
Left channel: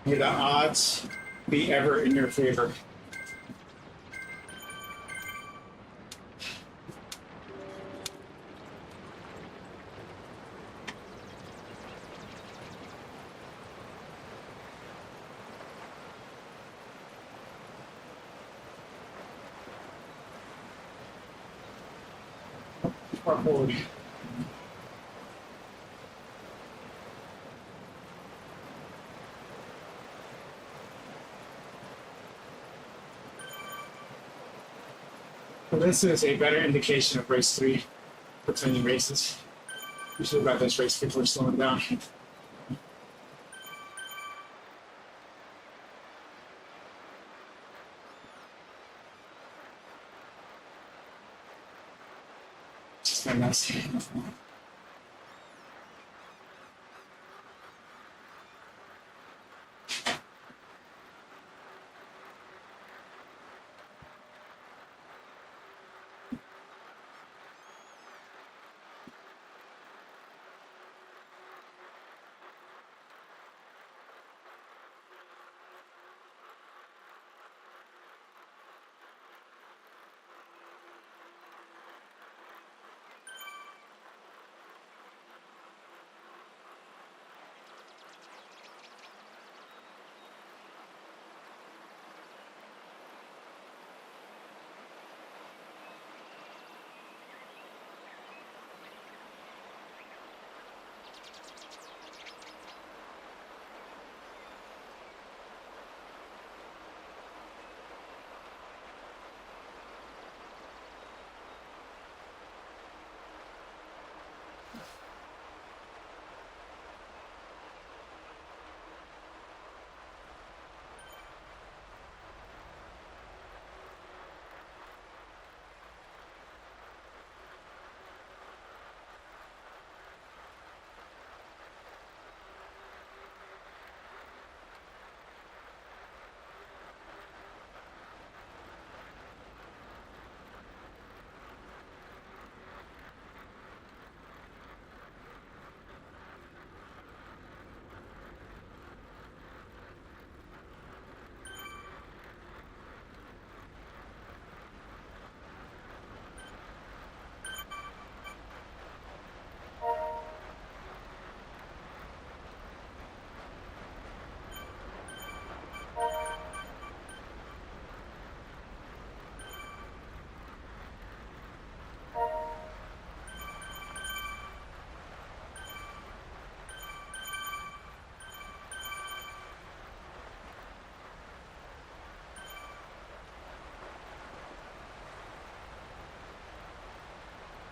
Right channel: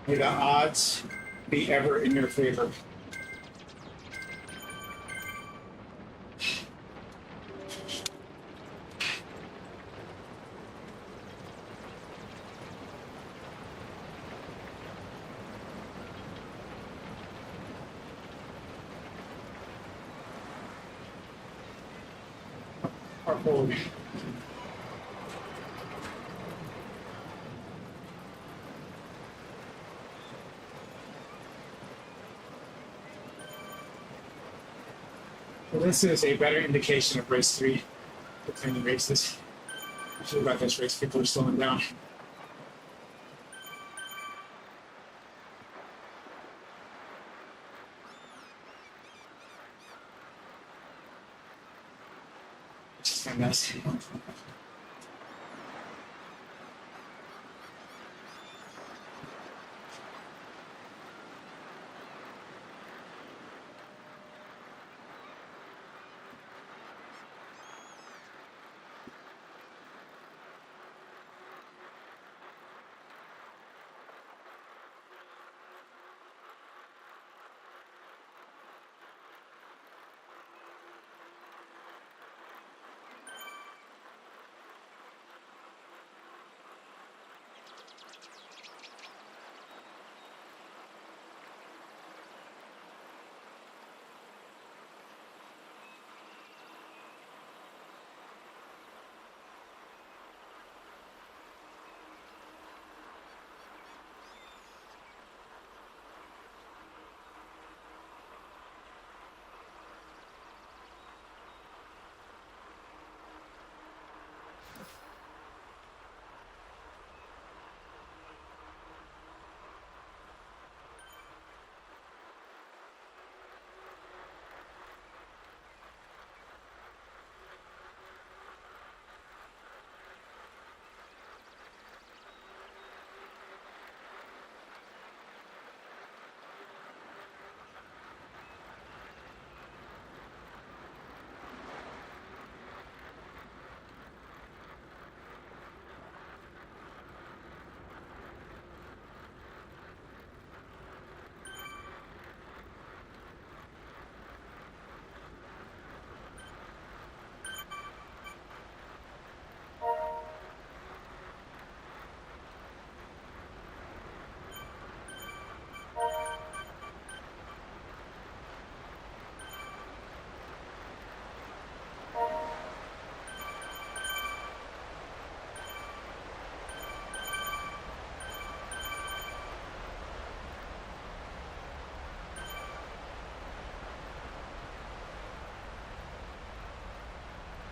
may the odds be ever in your favor. Well, this is a better indication of race 3 between races. Usually about this race, people are slowing down. Just a mess.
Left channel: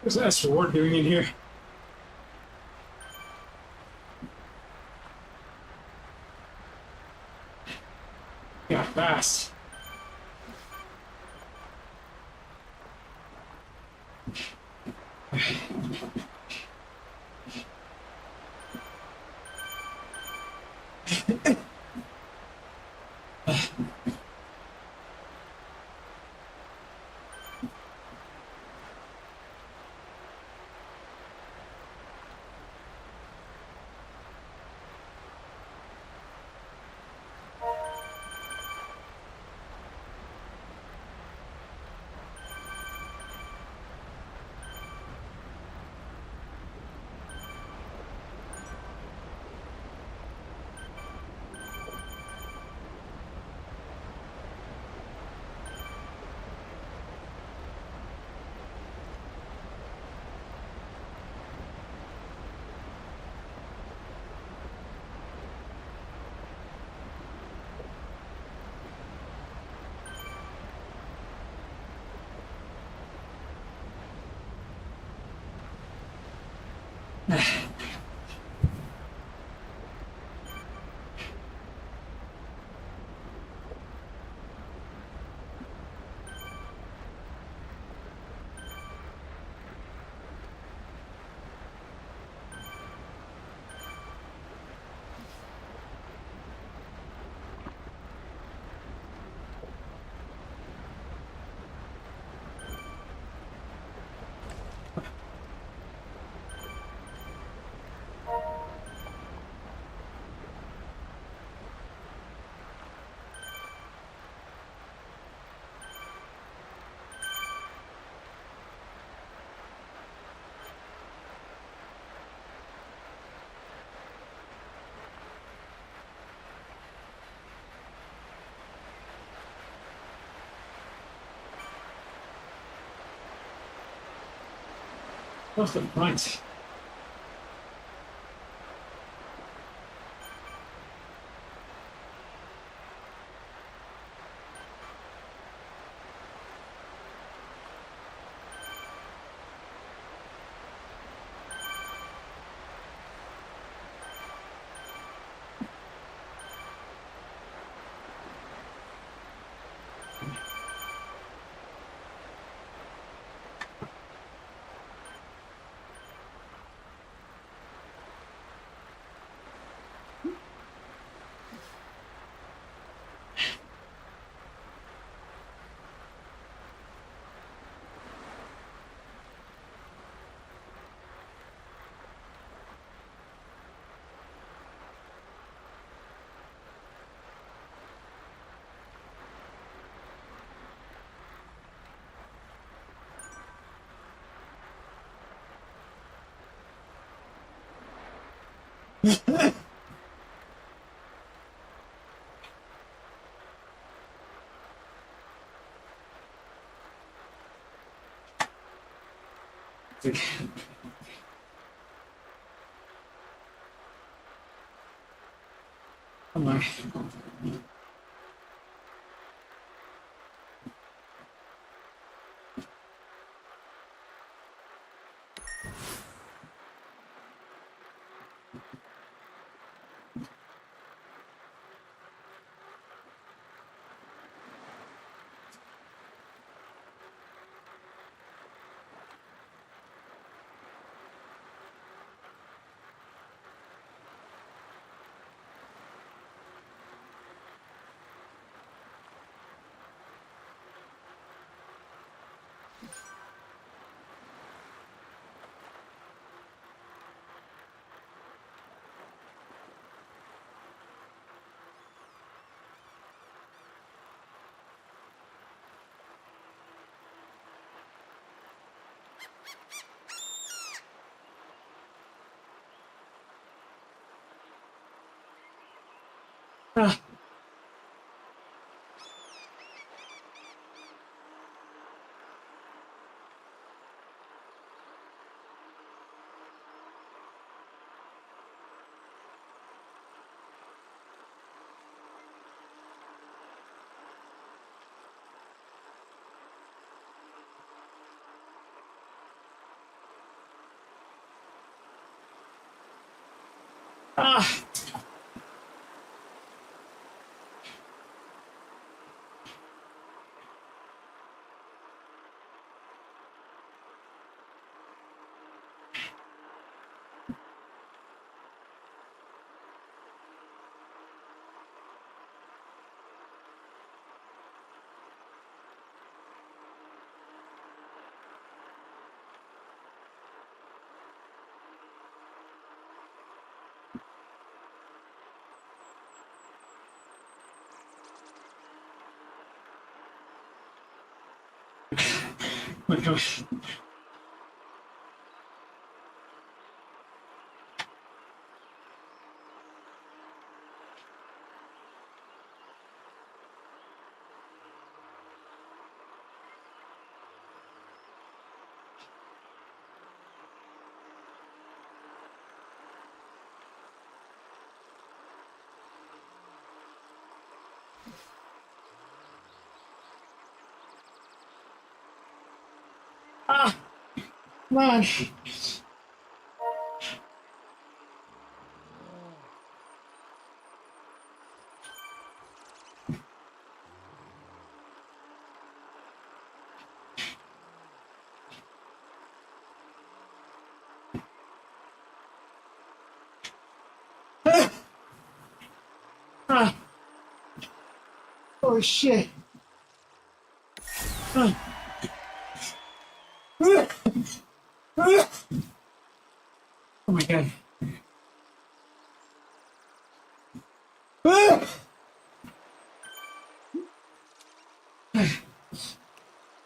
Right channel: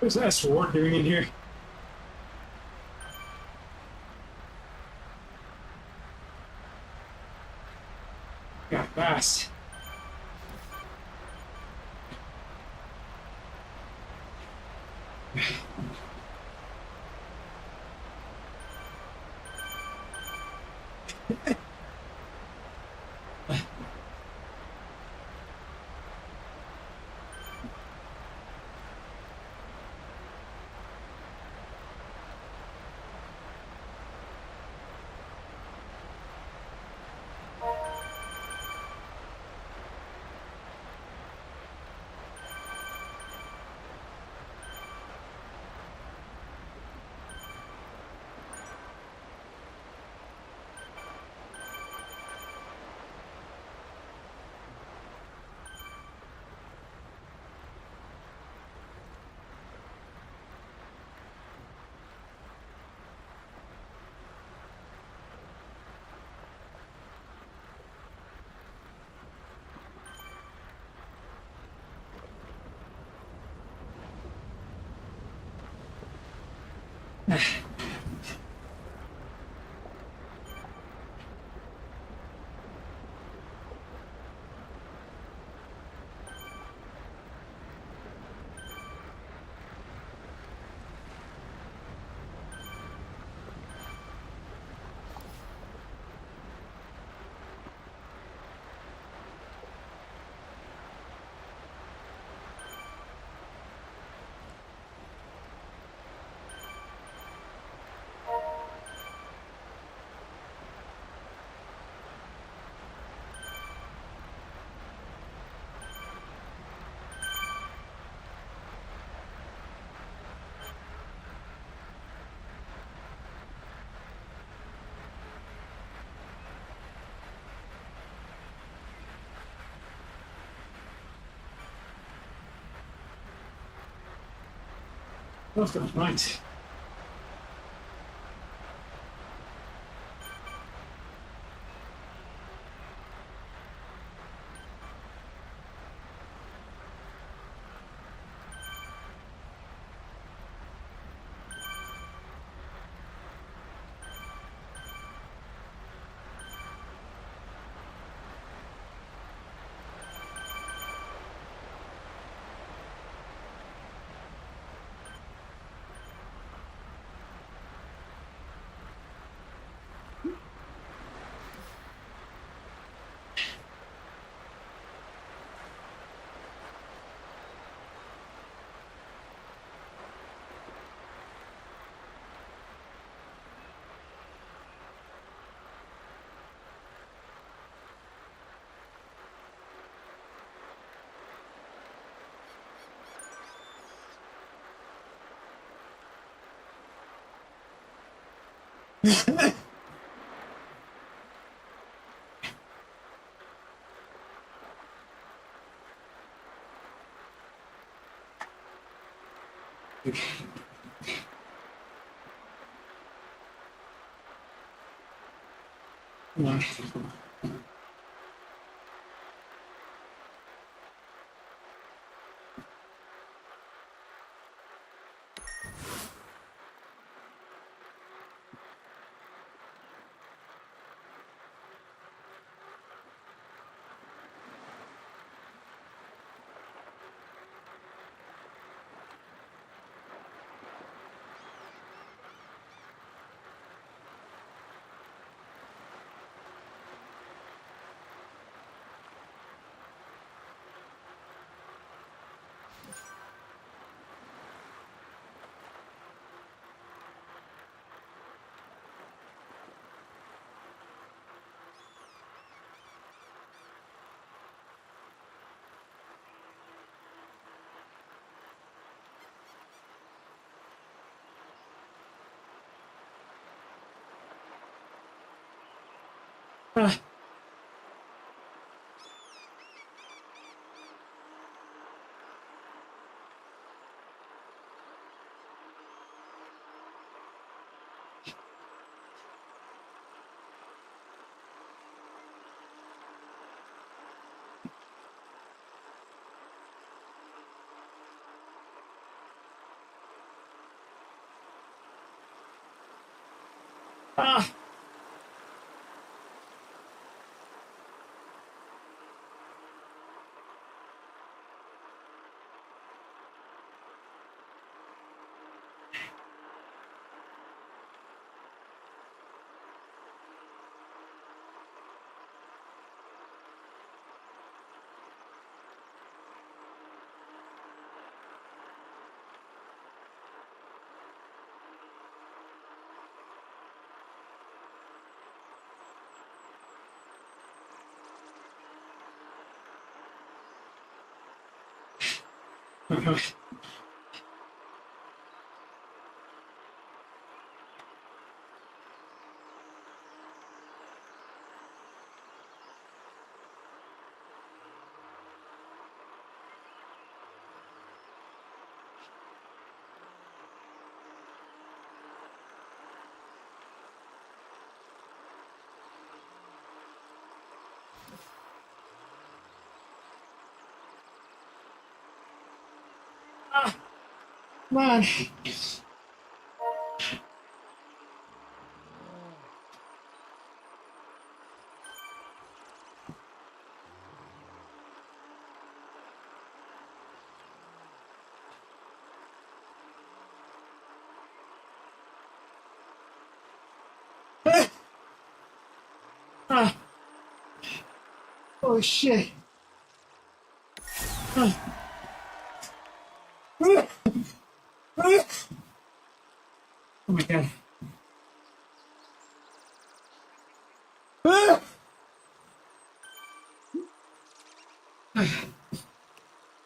What's that sword doing in here? Yeah, fast. What's the point? Come on. Ah. my gosh. Ah, come on. Ah, ah. Oh shit. Ah. Ah. Ah. Oh my god. Ah.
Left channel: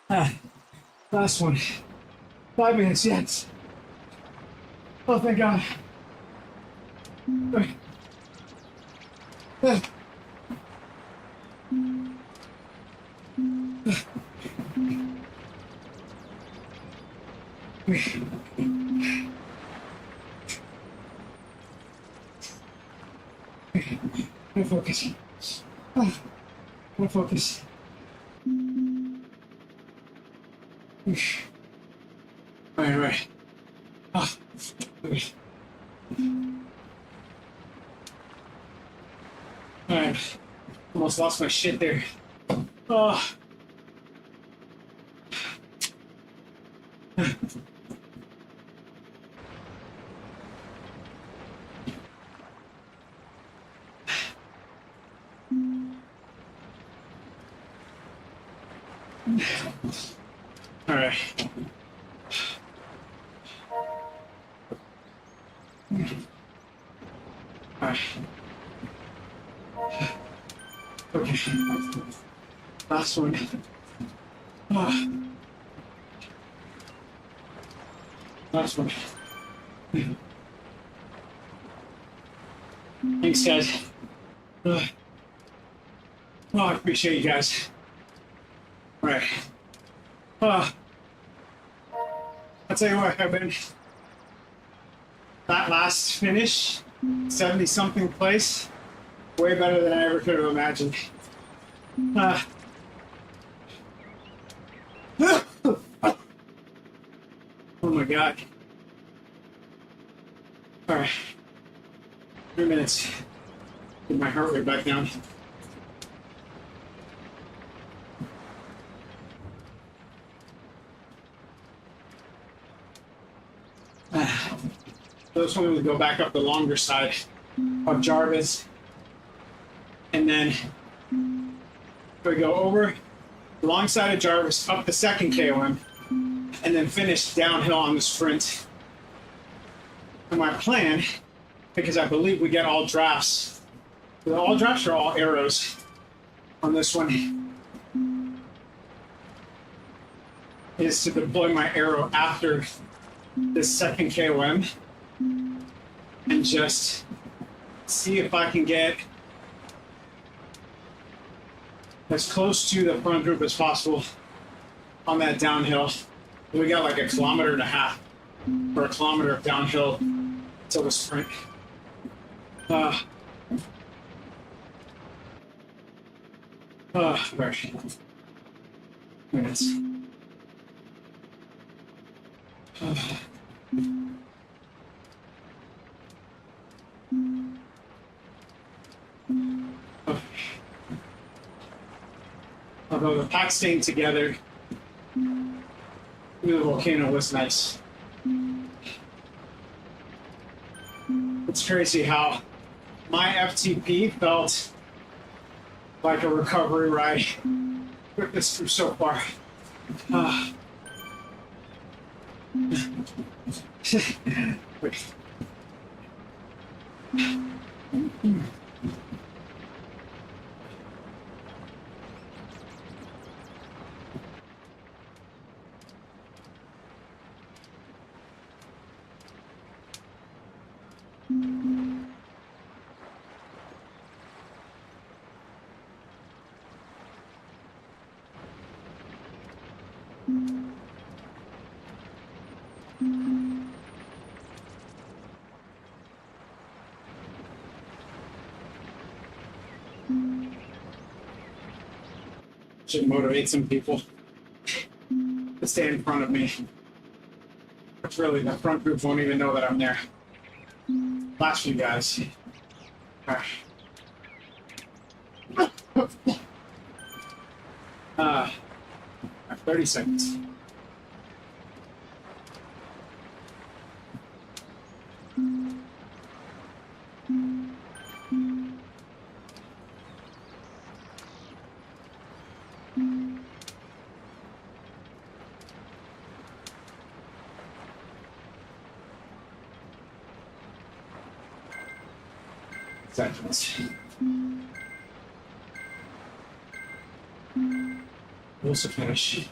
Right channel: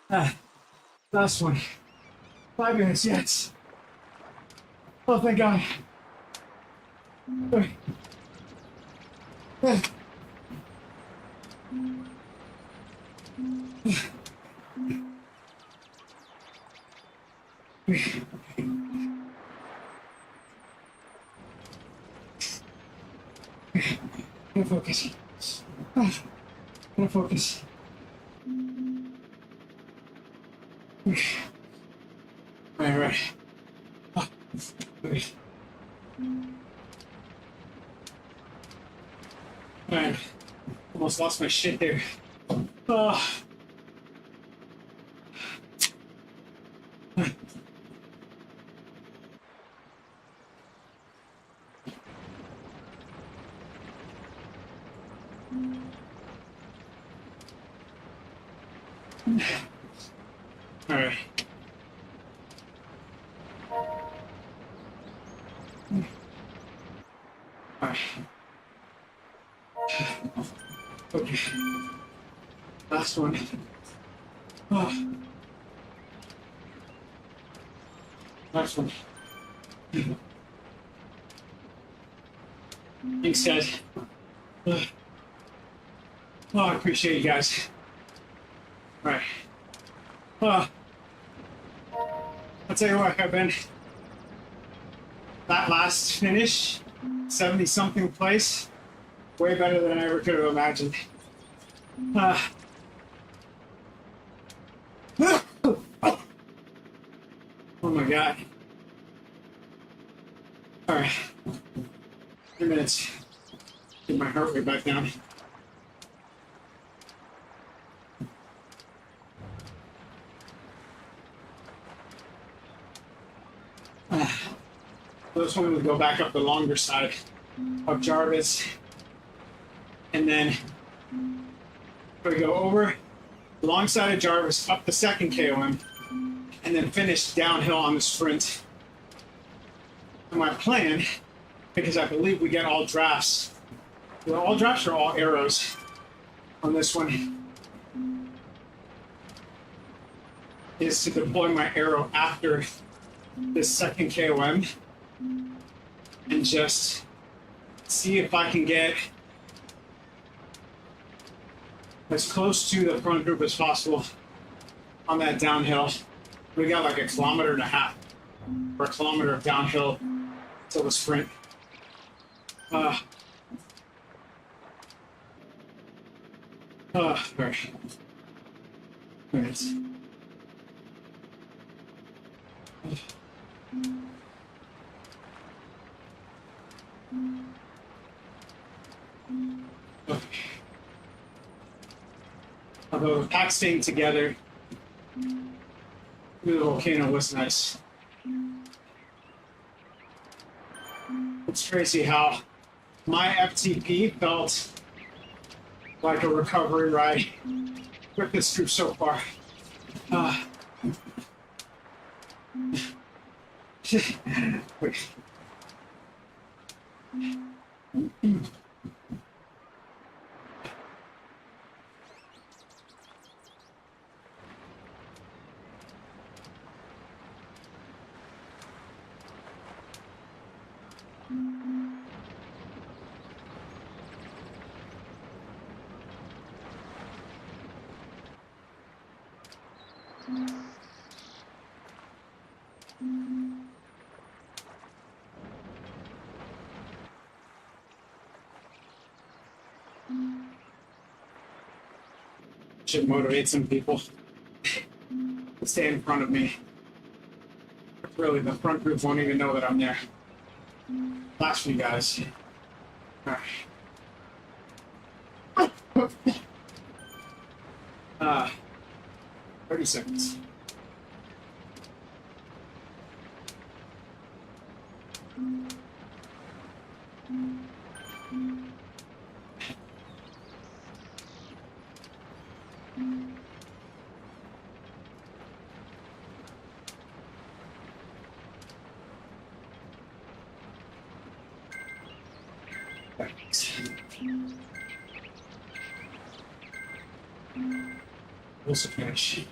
Ah. Last one. 5 minutes, yes. Oh, thank God. Okay. Ah. I'm gonna focus. I'm gonna focus. Alright. Oh, okay. Alright. Almost lost my shit there. Oh. Alright. Alright. Okay. Last one. Oh. Last one. Thanks, guys. Oh, I appreciate you guys. All right. I'll tell you what, I've been that last finish, 70-something place, way better than I ever could have imagined. Oh my God. All right. 3 minutes. Get my heart rate back down. This one would go back up the longer side of Jarvis, and then we go over the long side of Jarvis, up the second KOM, and then finish downhill on the sprint. And my plan, because I believe we get all drafts, all drafts are all arrows on this one, is to deploy my arrow after this second KOM and just see if I can get as close to the front group as possible on that downhill. We got like 1.5 kilometers or 1 kilometer of downhill till the sprint. Right. Minutes. Although the pack staying together, the volcano was nice. It's crazy how my FTP felt like a recovery ride. Took this through so far. Wait. Should motivate some people to stay in front of me. But really, the front group won't even know that I'm there. Last few guys. All right. 30 seconds. Seconds. Close to finish.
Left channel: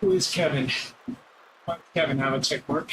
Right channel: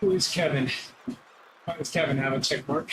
Who is Kevin? Why does Kevin have a check mark?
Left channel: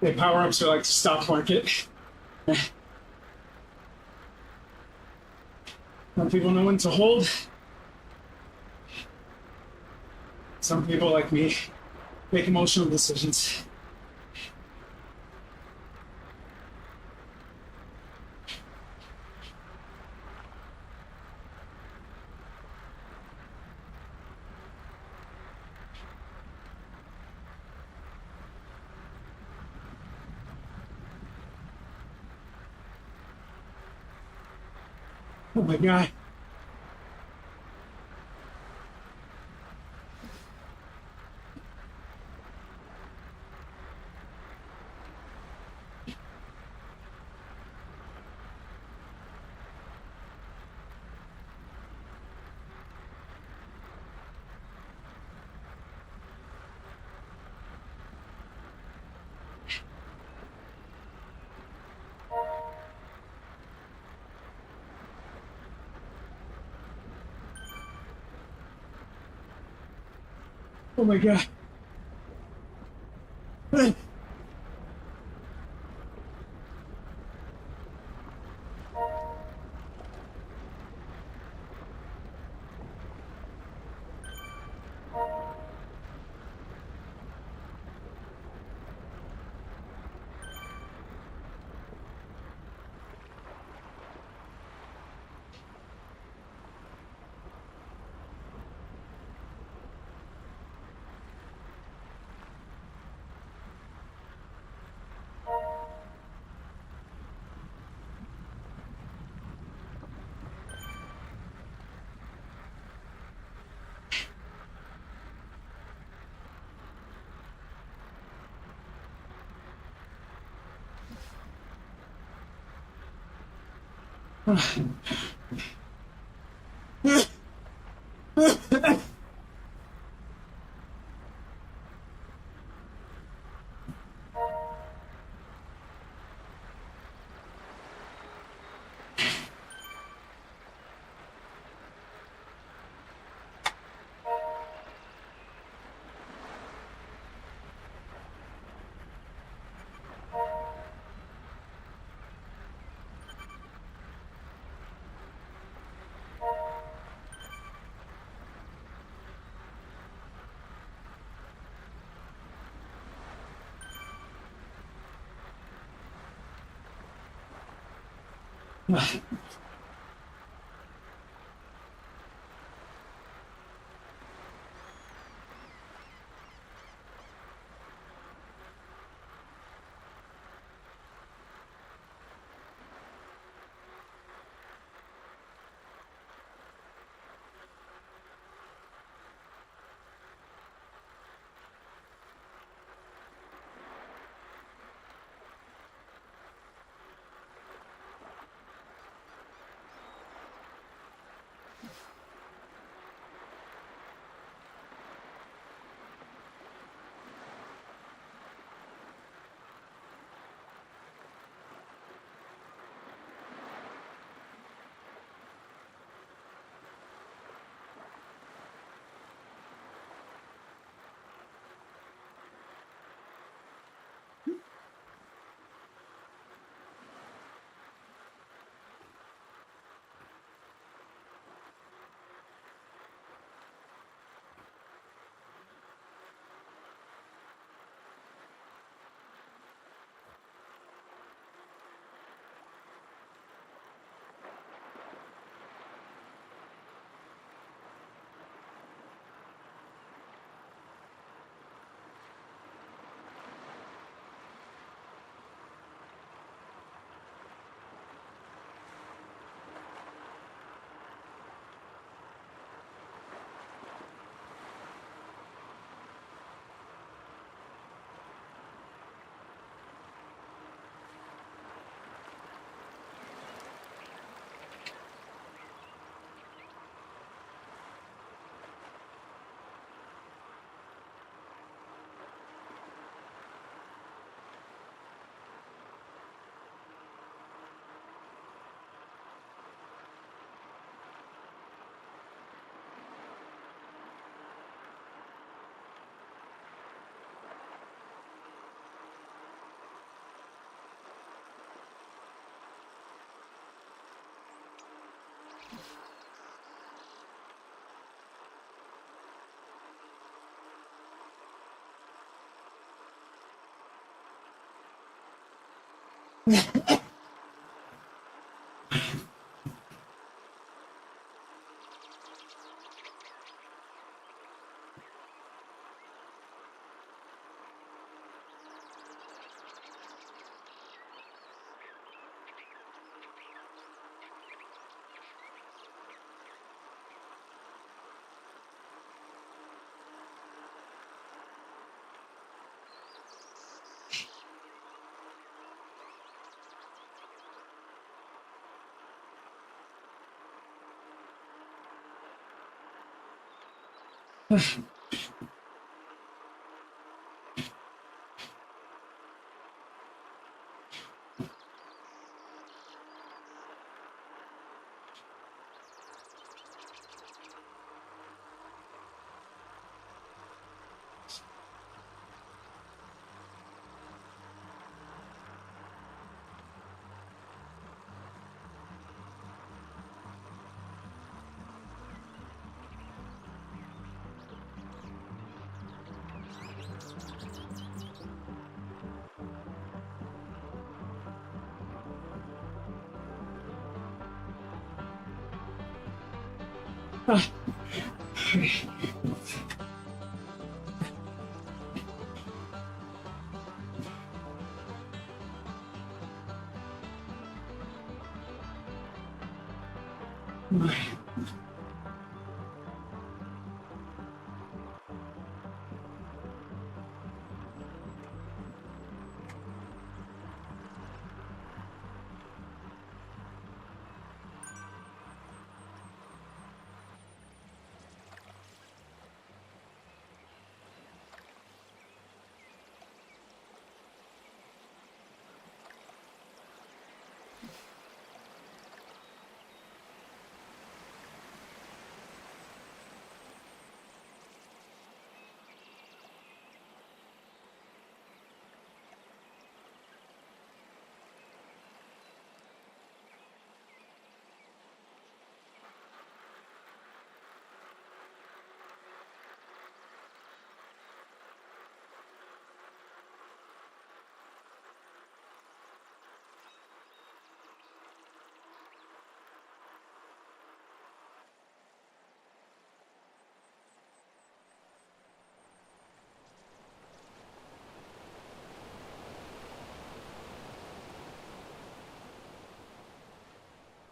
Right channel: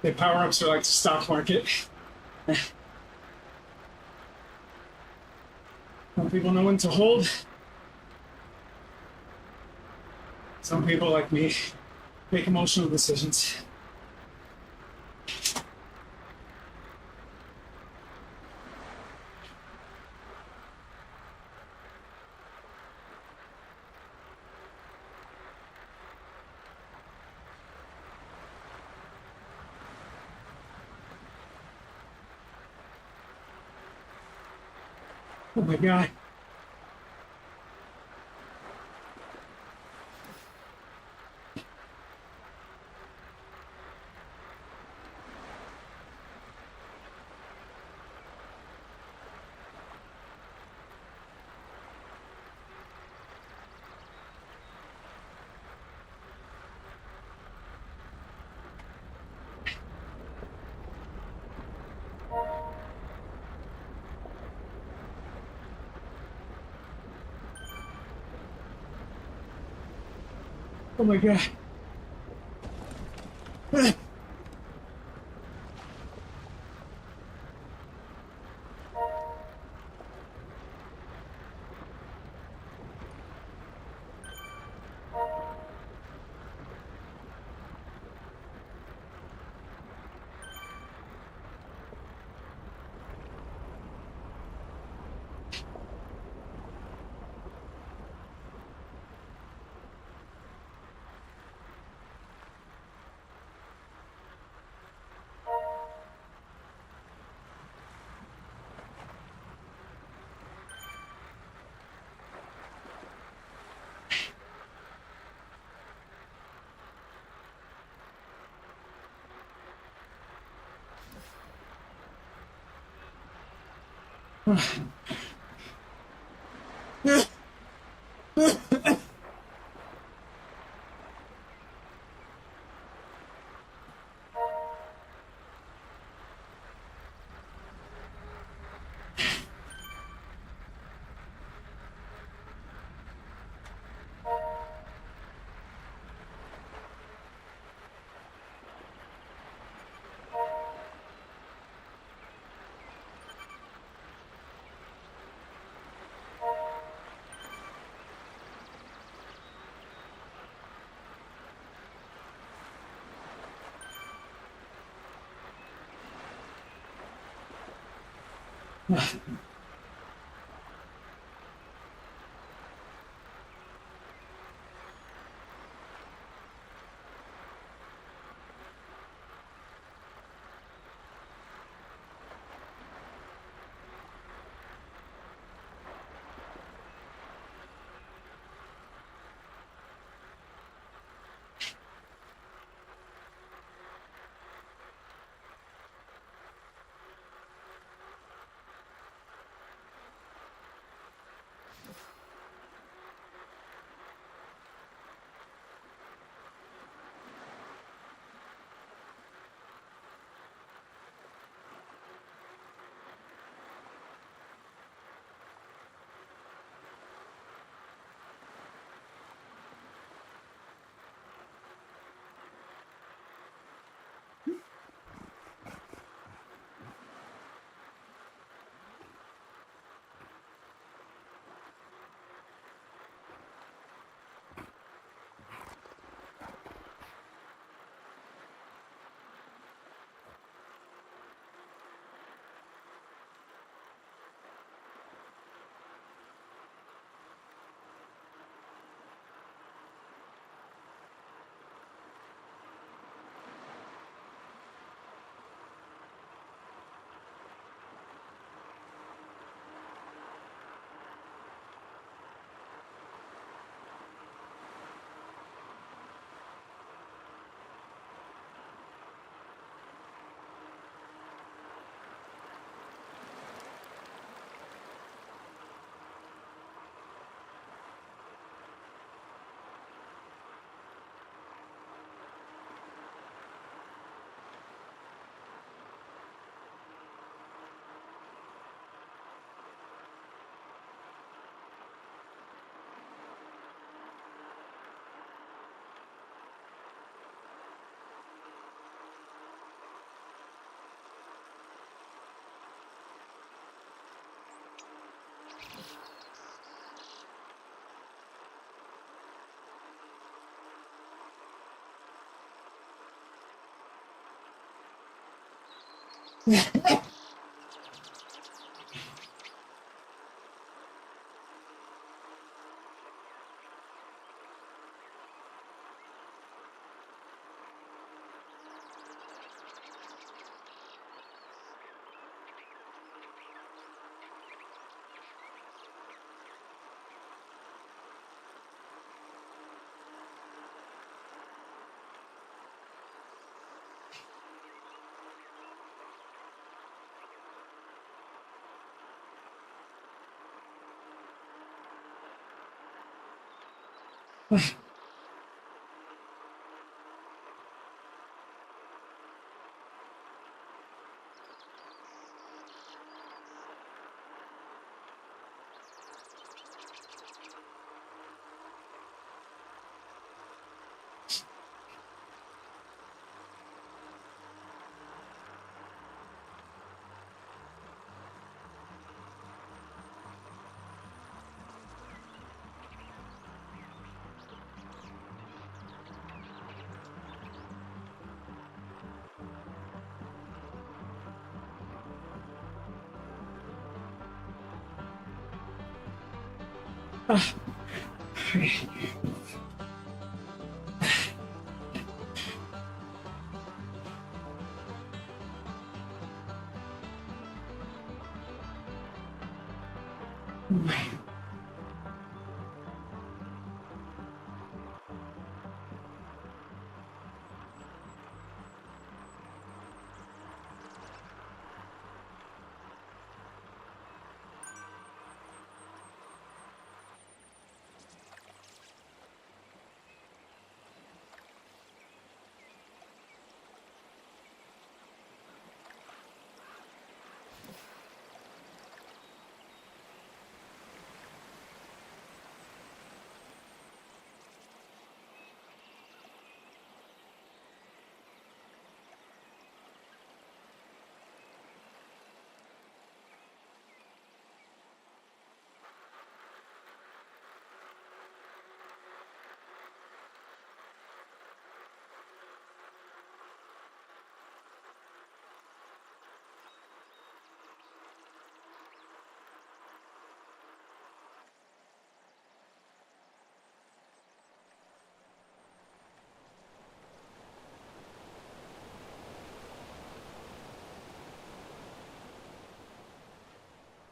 The power-ups are like the stock market. Some people know when to hold. Some people, like me, make emotional decisions. Oh my God. Oh my God.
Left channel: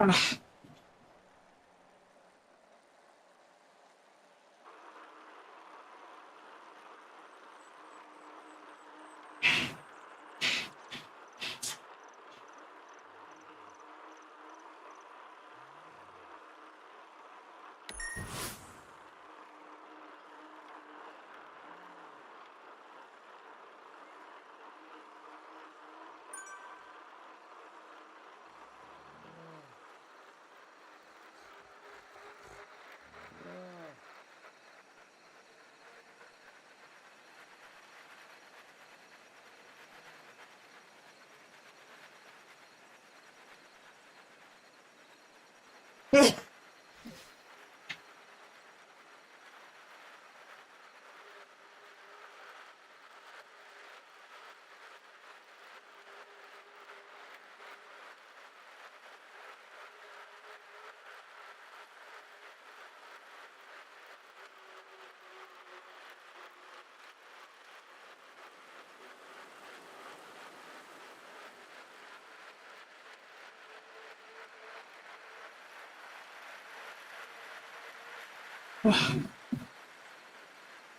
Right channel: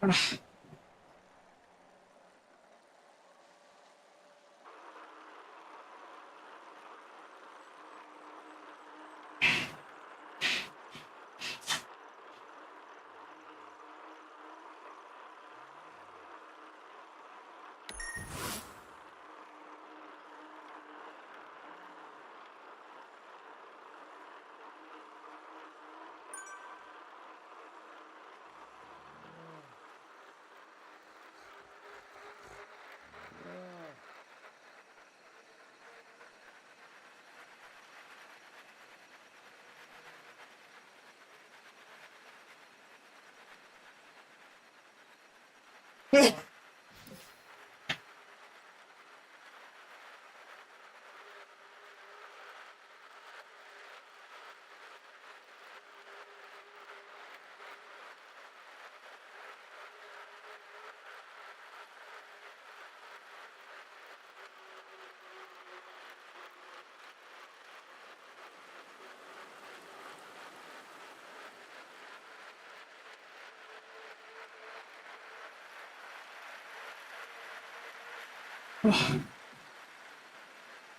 Oh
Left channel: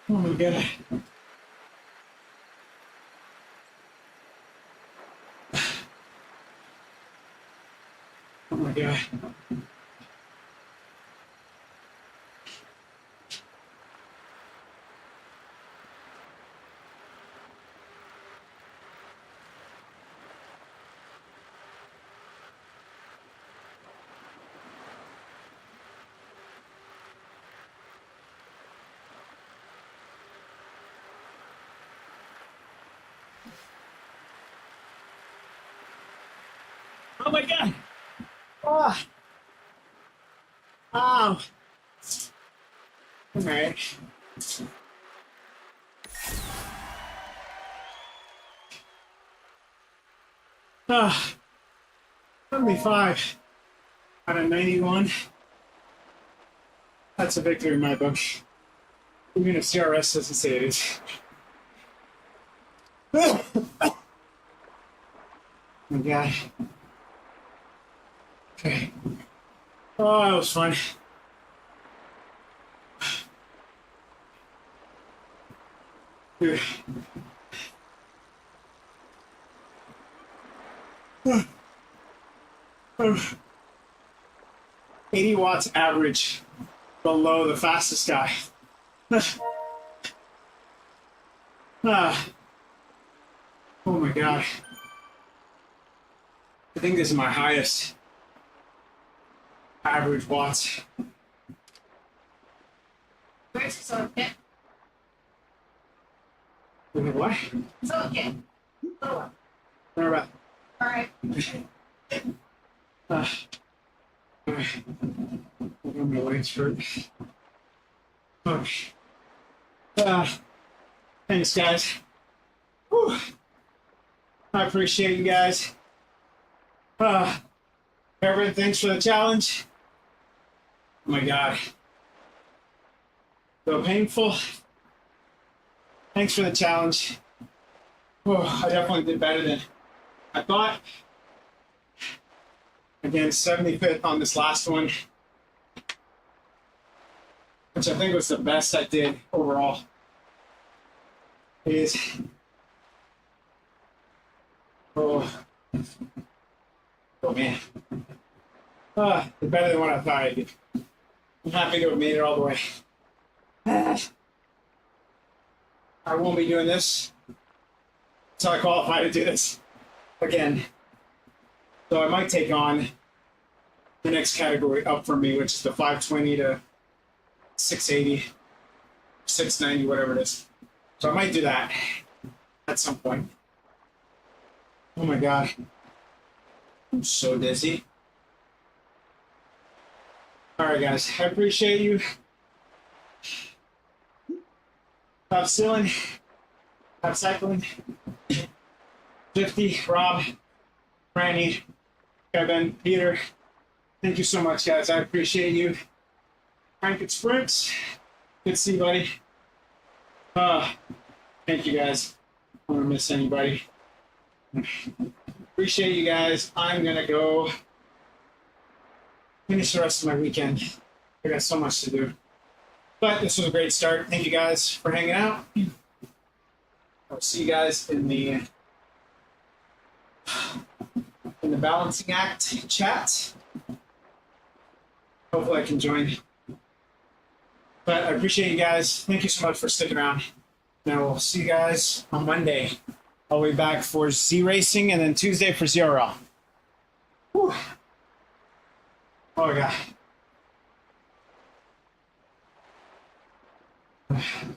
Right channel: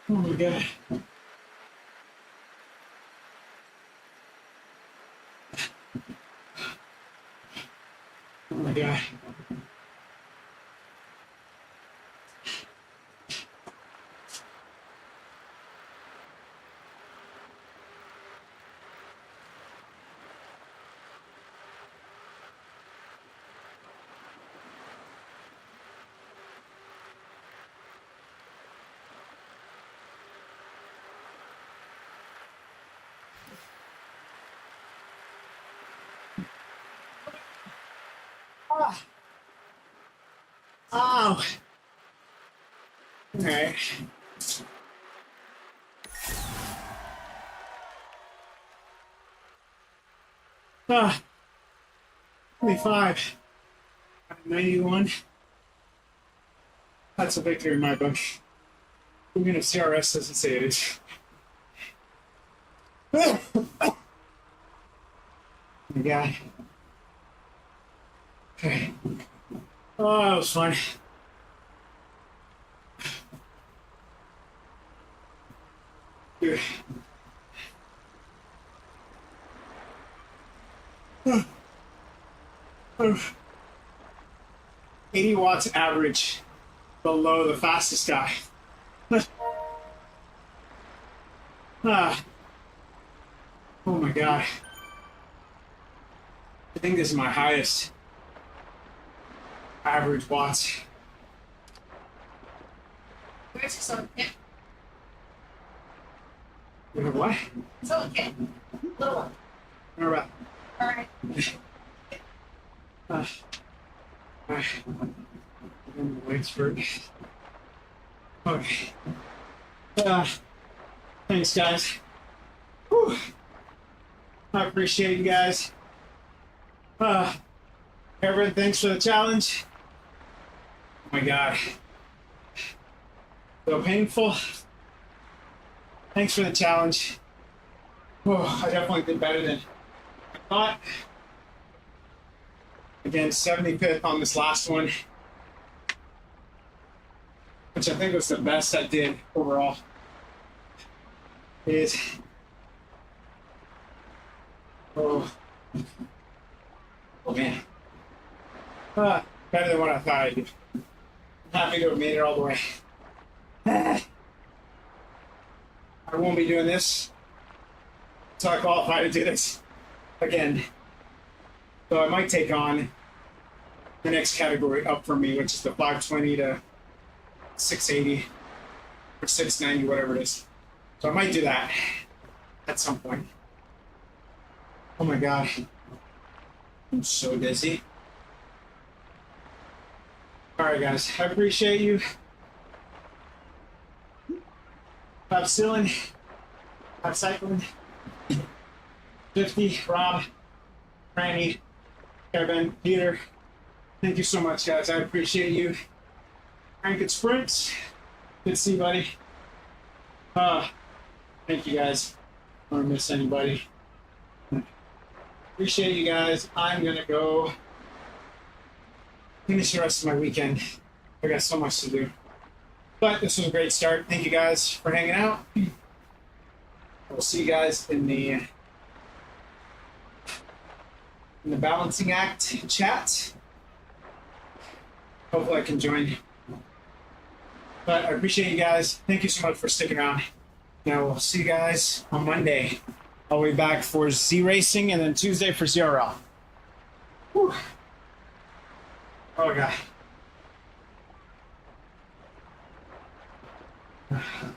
my god. Oh my god. Oh my god! Oh. Ow! Alright. Ah, 75 out of 91. That's a victory in my book. Even if ZRS doesn't say it is. Oh my god. Okay. Oh, that was fun. Dude. 80 watts average below the fastest guy. Ah. Oh my god. I think this is my highest average watts. Where's your soda kit? What? Soda kit. Little one. All right. Alright. Okay. My legs hurt. Okay. Thanks, guys. Whew. I appreciate you guys. Everyone, thanks for the challenge. Oh my god. So painful. Thanks for the challenge. Whew, I definitely did better than I thought. Again, 75th on this last one, which I think was the best I did overall. It is. Oh man. Better than what I thought I'd do. I'm happy to have made it all the way. I won't be doing this until I qualify to do this again. So I might take on the next category up for me, which is the 520 to 680 or 690, whatever it is. So I might do that at some point. Oh my god. I'm so dizzy. Alright guys, I appreciate you. Stop stealing. Stop cycling. Swifty, Rob, Franny, Kevin, Peter. Thank you so much, guys. I appreciate you. Frank and Sprints. Good to see you, buddy. Thank you, guys. I don't want to miss anybody. Appreciate you guys. I'm gonna go finish the rest of my weekend. I got so much to do. But this was a great start. Thank you guys for hanging out. I'll see you guys in the balancing act chat. Hopefully I can join. But I appreciate you guys. Thank you so much for sticking around. Now we'll see you guys on Monday. I'll be back for Z Racing and then Tuesday for ZRL. Whew. Oh my God.